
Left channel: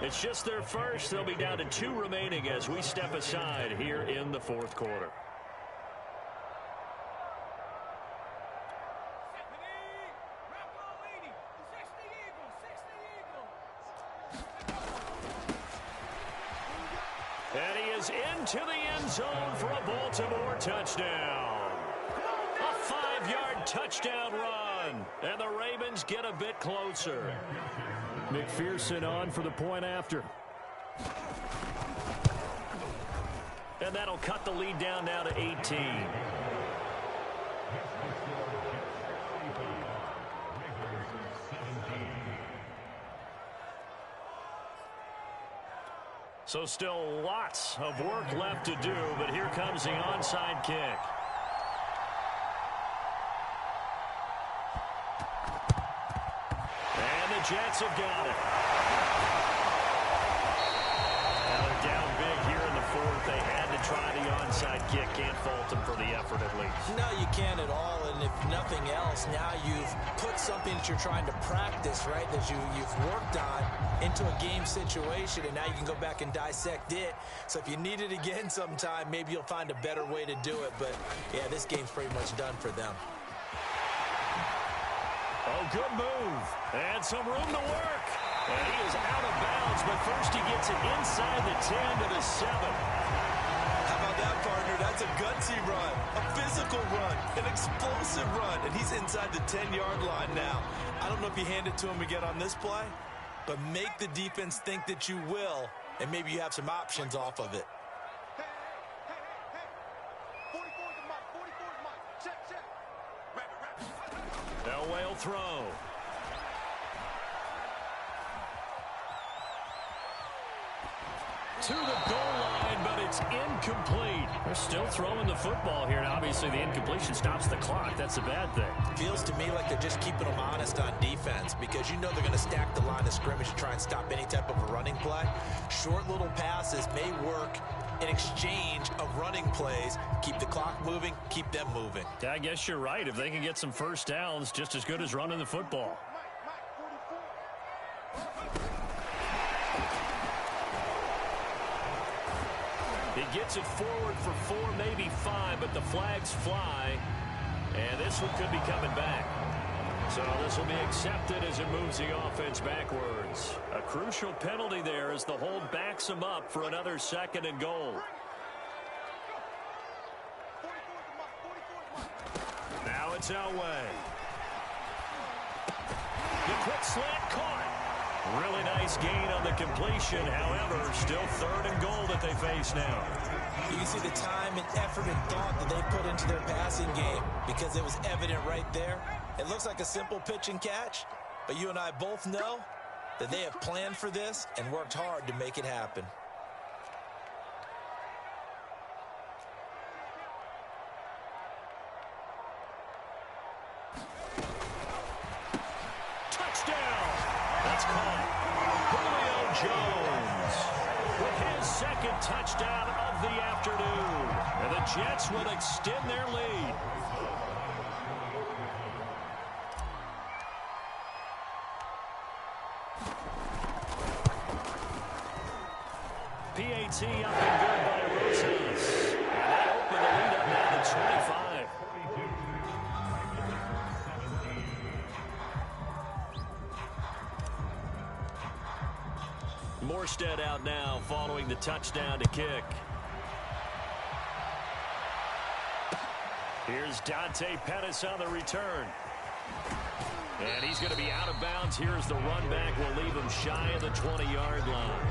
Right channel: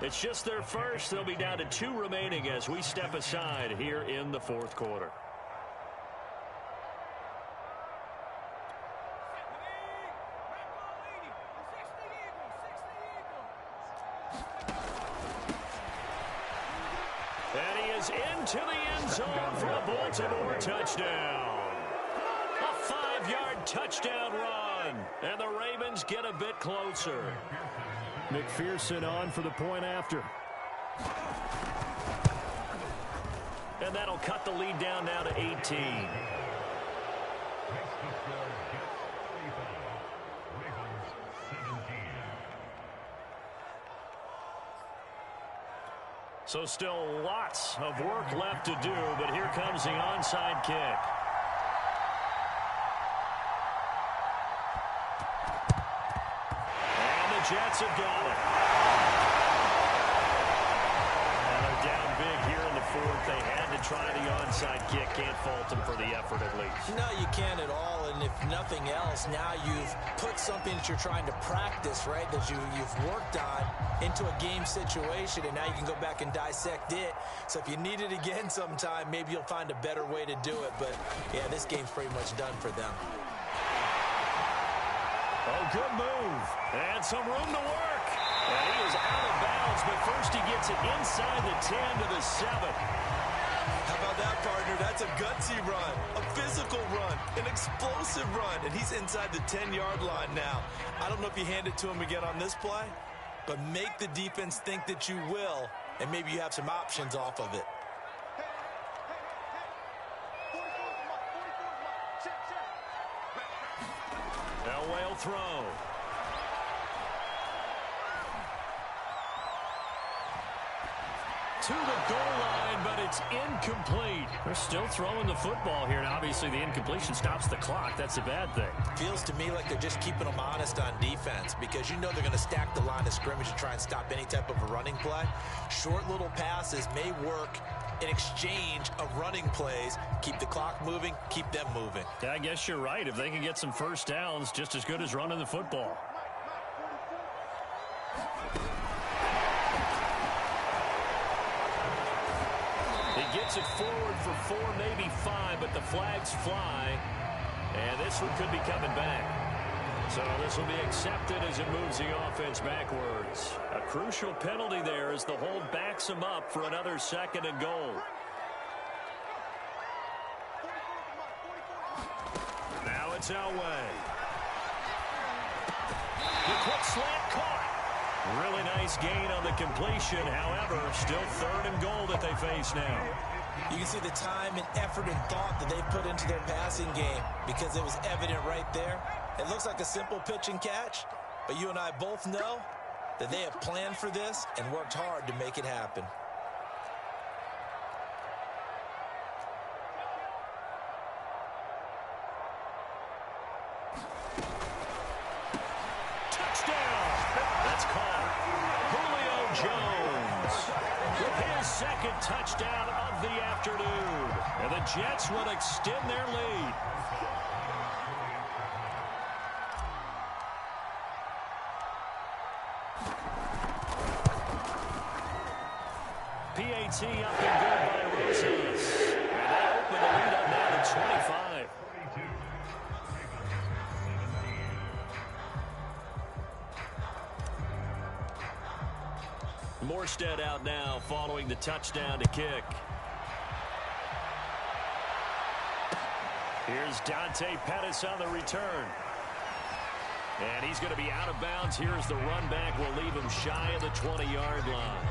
It's just their 1st. They'll be down to 2 remaining as we step aside here in the 4th quarter. And he is into the end zone for a Baltimore touchdown. A 5-yard touchdown run. And the Ravens get a bit closer. McPherson on for the point after. And that'll cut the lead down now to 18. So still lots of work left to do, but here comes the onside kick. And the Jets have got it. fourth. They had to try the onside kick. Can't fault them for the effort at least. No, you can't at all. And if nothing else, now you've put something that you're trying to practice, right, that you've worked on into a game situation, and now you can go back and dissect it. So if you need it again sometime, maybe you'll find a better way to do it. But, yeah, this game's pretty much done for them. Oh, good move. And some room to work. And he is out of bounds, but first he gets it inside the 10 to the 7. How about that, partner? That's a gutsy run, a physical run, an explosive run, and he's inside the 10-yard line now. I don't know if you hand it to him again on this play, but make the defense think that you will, and maybe you have some options off of it. Elway will throw. To the goal line, but it's incomplete. They're still throwing the football here, and obviously the incompletion stops the clock. That's a bad thing. Feels to me like they're just keeping them honest on defense because you know they're going to stack the line of scrimmage to try and stop any type of a running play. Short little passes may work in exchange of running plays. Keep the clock moving, keep them moving. Yeah, I guess you're right. If they can get some first downs, just as good as running the football. He gets it forward for 4, maybe 5, but the flags fly. And this one could be coming back. So this will be accepted as it moves the offense backwards. A crucial penalty there as the hold backs him up for another 2nd and goal. Now it's Elway. The quick slant caught. Really nice gain on the completion. However, still 3rd and goal that they face now. You can see the time and effort and thought that they put into their passing game because it was evident right there. It looks like a simple pitch and catch, but you and I both know that they have planned for this and worked hard to make it happen. Touchdown! That's caught. Julio Jones with his 2nd touchdown of the afternoon. And the Jets will extend their lead. PAT up and good by Rosas. And they open the lead up now to 25. Morstead out now following the touchdown to kick. Here's Dante Pettis on the return. And he's going to be out of bounds. Here's the run back. Will leave him shy of the 20-yard line.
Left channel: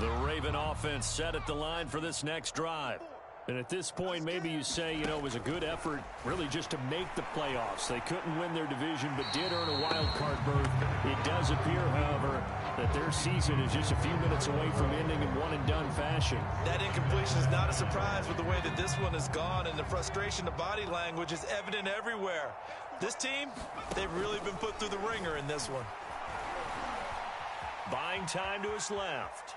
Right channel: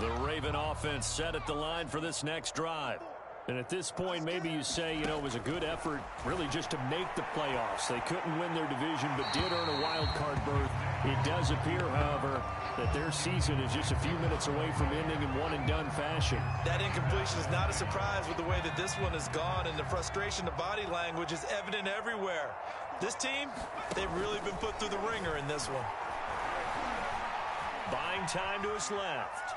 The Raven offense set at the line for this next drive. And at this point, maybe you say, you know, it was a good effort really just to make the playoffs. They couldn't win their division, but did earn a wild card berth. It does appear, however, that their season is just a few minutes away from ending in one-and-done fashion. That incompletion is not a surprise with the way that this one has gone, and the frustration of body language is evident everywhere. This team, they've really been put through the ringer in this one. Buying time to his left.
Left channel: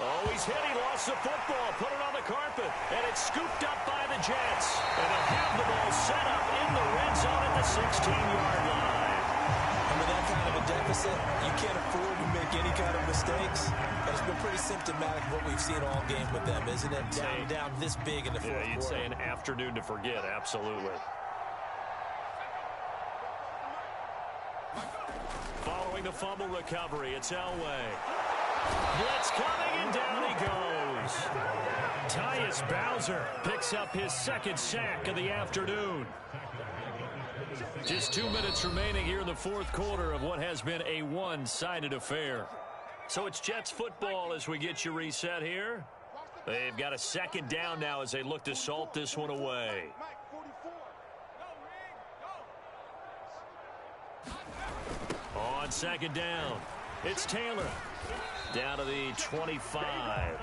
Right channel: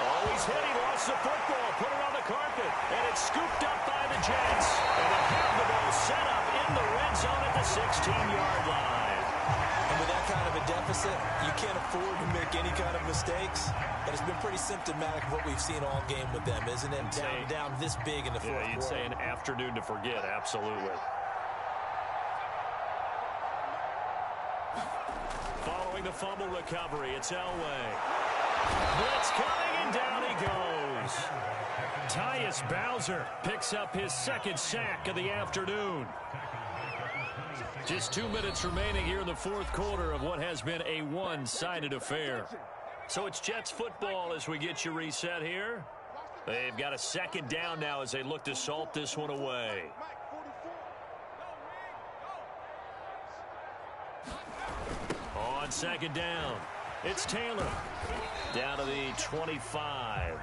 Oh, he's hit. He lost the football. Put it on the carpet. And it's scooped up by the Jets. And they'll have the ball set up in the red zone at the 16-yard line. And with that kind of a deficit, you can't afford to make any kind of mistakes. But it's been pretty symptomatic of what we've seen all game with them, isn't it? Down this big in the fourth quarter. You'd say an afternoon to forget. Absolutely. Following the fumble recovery, it's Elway. Blitz coming, and down he goes. Tyus Bowser picks up his 2nd sack of the afternoon. Just 2 minutes remaining here in the fourth quarter of what has been a one-sided affair. So it's Jets football as we get you reset here. They've got a 2nd down now as they look to salt this one away. On 2nd down, it's Taylor. Down to the 25.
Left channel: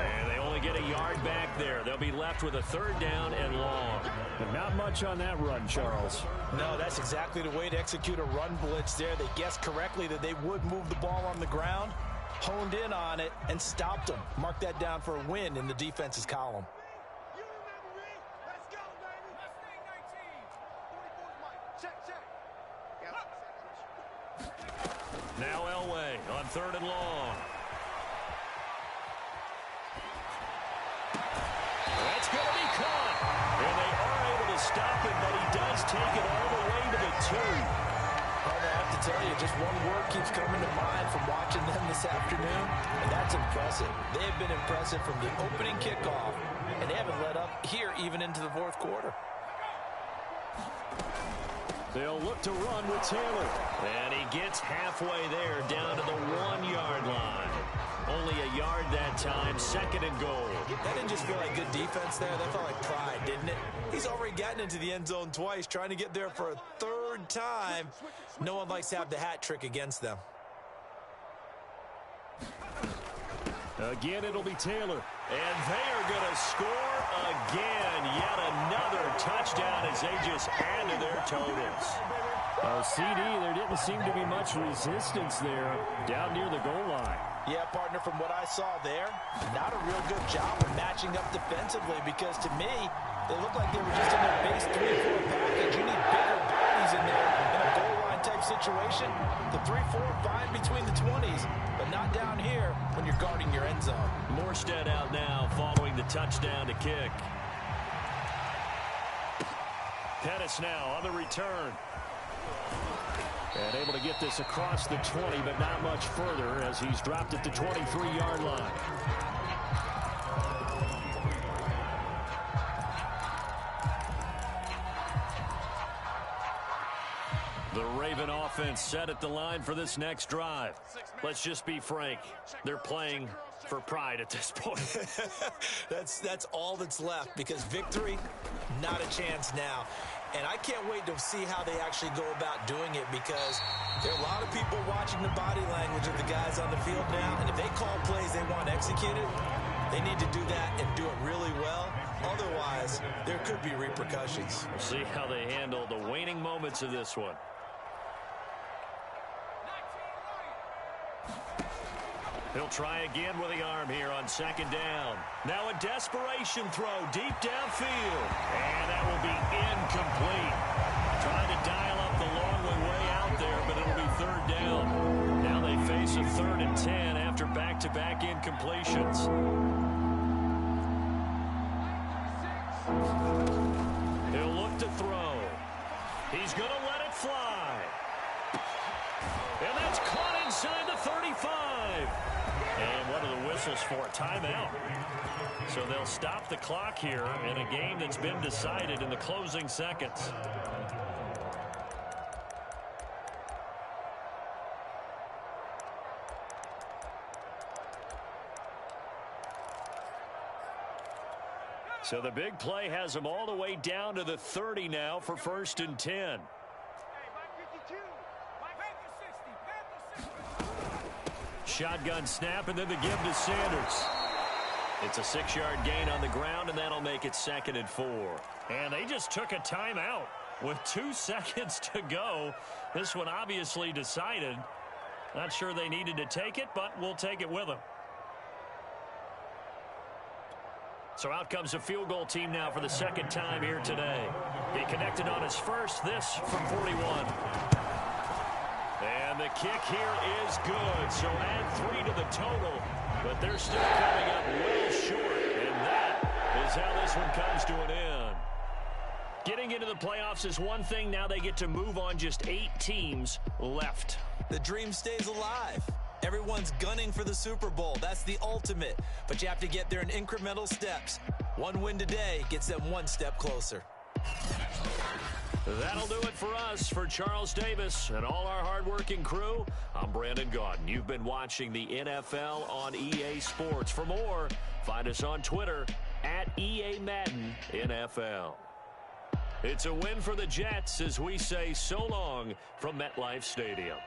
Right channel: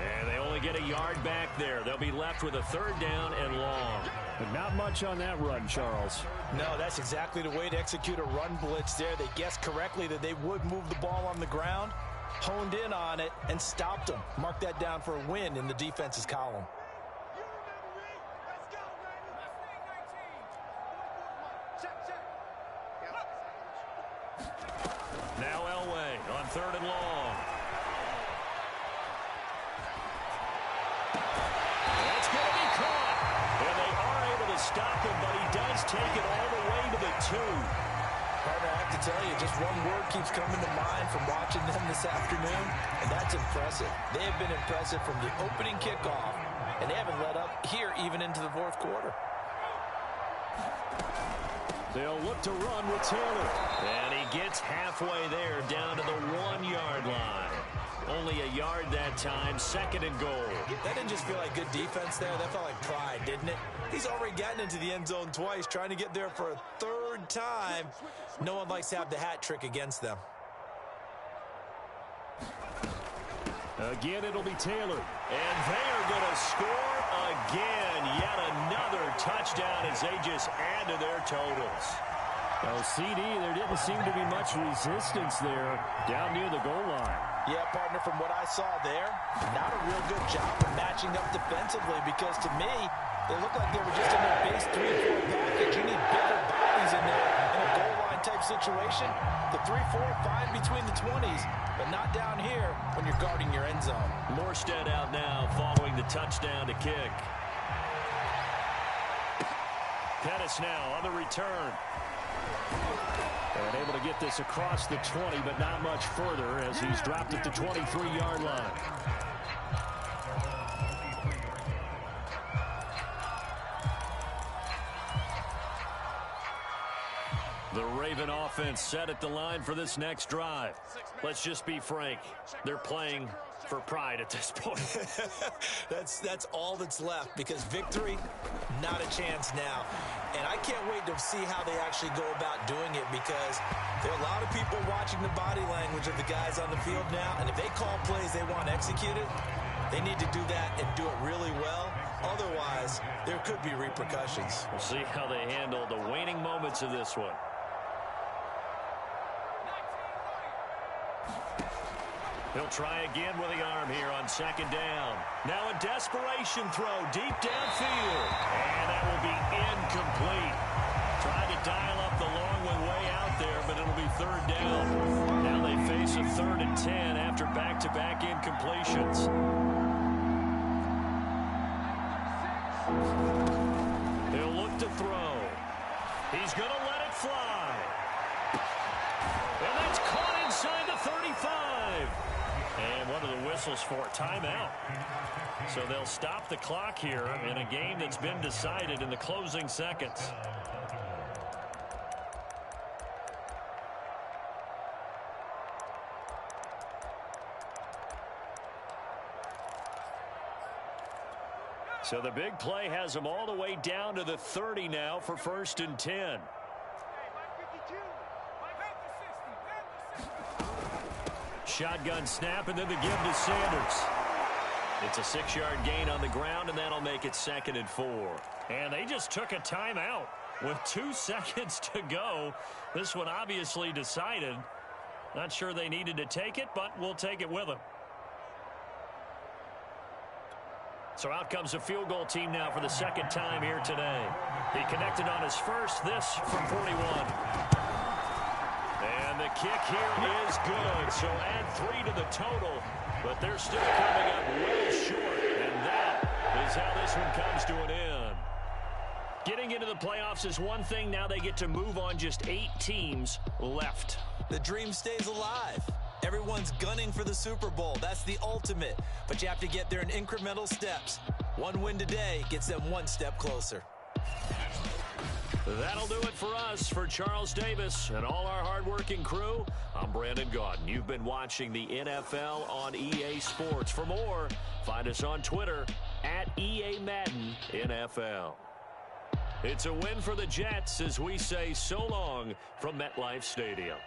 And they only get a yard back there. They'll be left with a 3rd down and long. But not much on that run, Charles. No, that's exactly the way to execute a run blitz there. They guessed correctly that they would move the ball on the ground, honed in on it, and stopped them. Mark that down for a win in the defense's column. Now Elway on 3rd and long. That's going to be caught. And they are able to stop him, but he does take it all the way to the 2. Partner, I have to tell you, just one word keeps coming to mind from watching them this afternoon, and that's impressive. They have been impressive from the opening kickoff, and they haven't let up here even into the 4th quarter. They'll look to run with Taylor. And he gets halfway there down to the 1-yard line. Only a yard that time, 2nd and goal. That didn't just feel like good defense there. That felt like pride, didn't it? He's already gotten into the end zone twice, trying to get there for a 3rd time. No one likes to have the hat trick against them. Again, it'll be Taylor. And they are going to score again. Yet another touchdown as they just add to their totals. Oh, CD, there didn't seem to be much resistance there down near the goal line. Yeah, partner, from what I saw there, not a real good job of matching up defensively because to me, they look like they were just in their base 3-4 package. You need bigger bodies in there in a goal line type situation. The 3-4 fine between the 20s, but not down here when you're guarding your end zone. Morstead out now following the touchdown to kick. Pettis now on the return. And able to get this across the 20, but not much further as he's dropped at the 23-yard line. The Raven offense set at the line for this next drive. Let's just be frank. They're playing for pride at this point. That's all that's left because victory, not a chance now. And I can't wait to see how they actually go about doing it because there are a lot of people watching the body language of the guys on the field now. And if they call plays they want executed, they need to do that and do it really well. Otherwise, there could be repercussions. We'll see how they handle the waning moments of this one. He'll try again with the arm here on 2nd down. Now a desperation throw deep downfield. And that will be incomplete. Trying to dial up the long way out there, but it'll be 3rd down. Now they face a 3rd and 10 after back-to-back incompletions. He'll look to throw. He's going to let it fly. And that's caught inside the 35. And what are the whistles for? Timeout. So they'll stop the clock here in a game that's been decided in the closing seconds. So the big play has them all the way down to the 30 now for 1st and 10. Shotgun snap, and then the give to Sanders. It's a 6-yard gain on the ground, and that'll make it 2nd and 4. And they just took a timeout with 2 seconds to go. This one obviously decided. Not sure they needed to take it, but we'll take it with them. So out comes a field goal team now for the 2nd time here today. He connected on his first, this from 41. And the kick here is good, so add 3 to the total, but they're still coming up well short, and that is how this one comes to an end. Getting into the playoffs is one thing. Now they get to move on. Just 8 teams left. The dream stays alive. Everyone's gunning for the Super Bowl. That's the ultimate, but you have to get there in incremental steps. One win today gets them 1 step closer. That'll do it for us. For Charles Davis and all our hardworking crew, I'm Brandon Gaudin. You've been watching the NFL on EA Sports. For more, find us on Twitter at EA Madden NFL. It's a win for the Jets as we say so long from MetLife Stadium.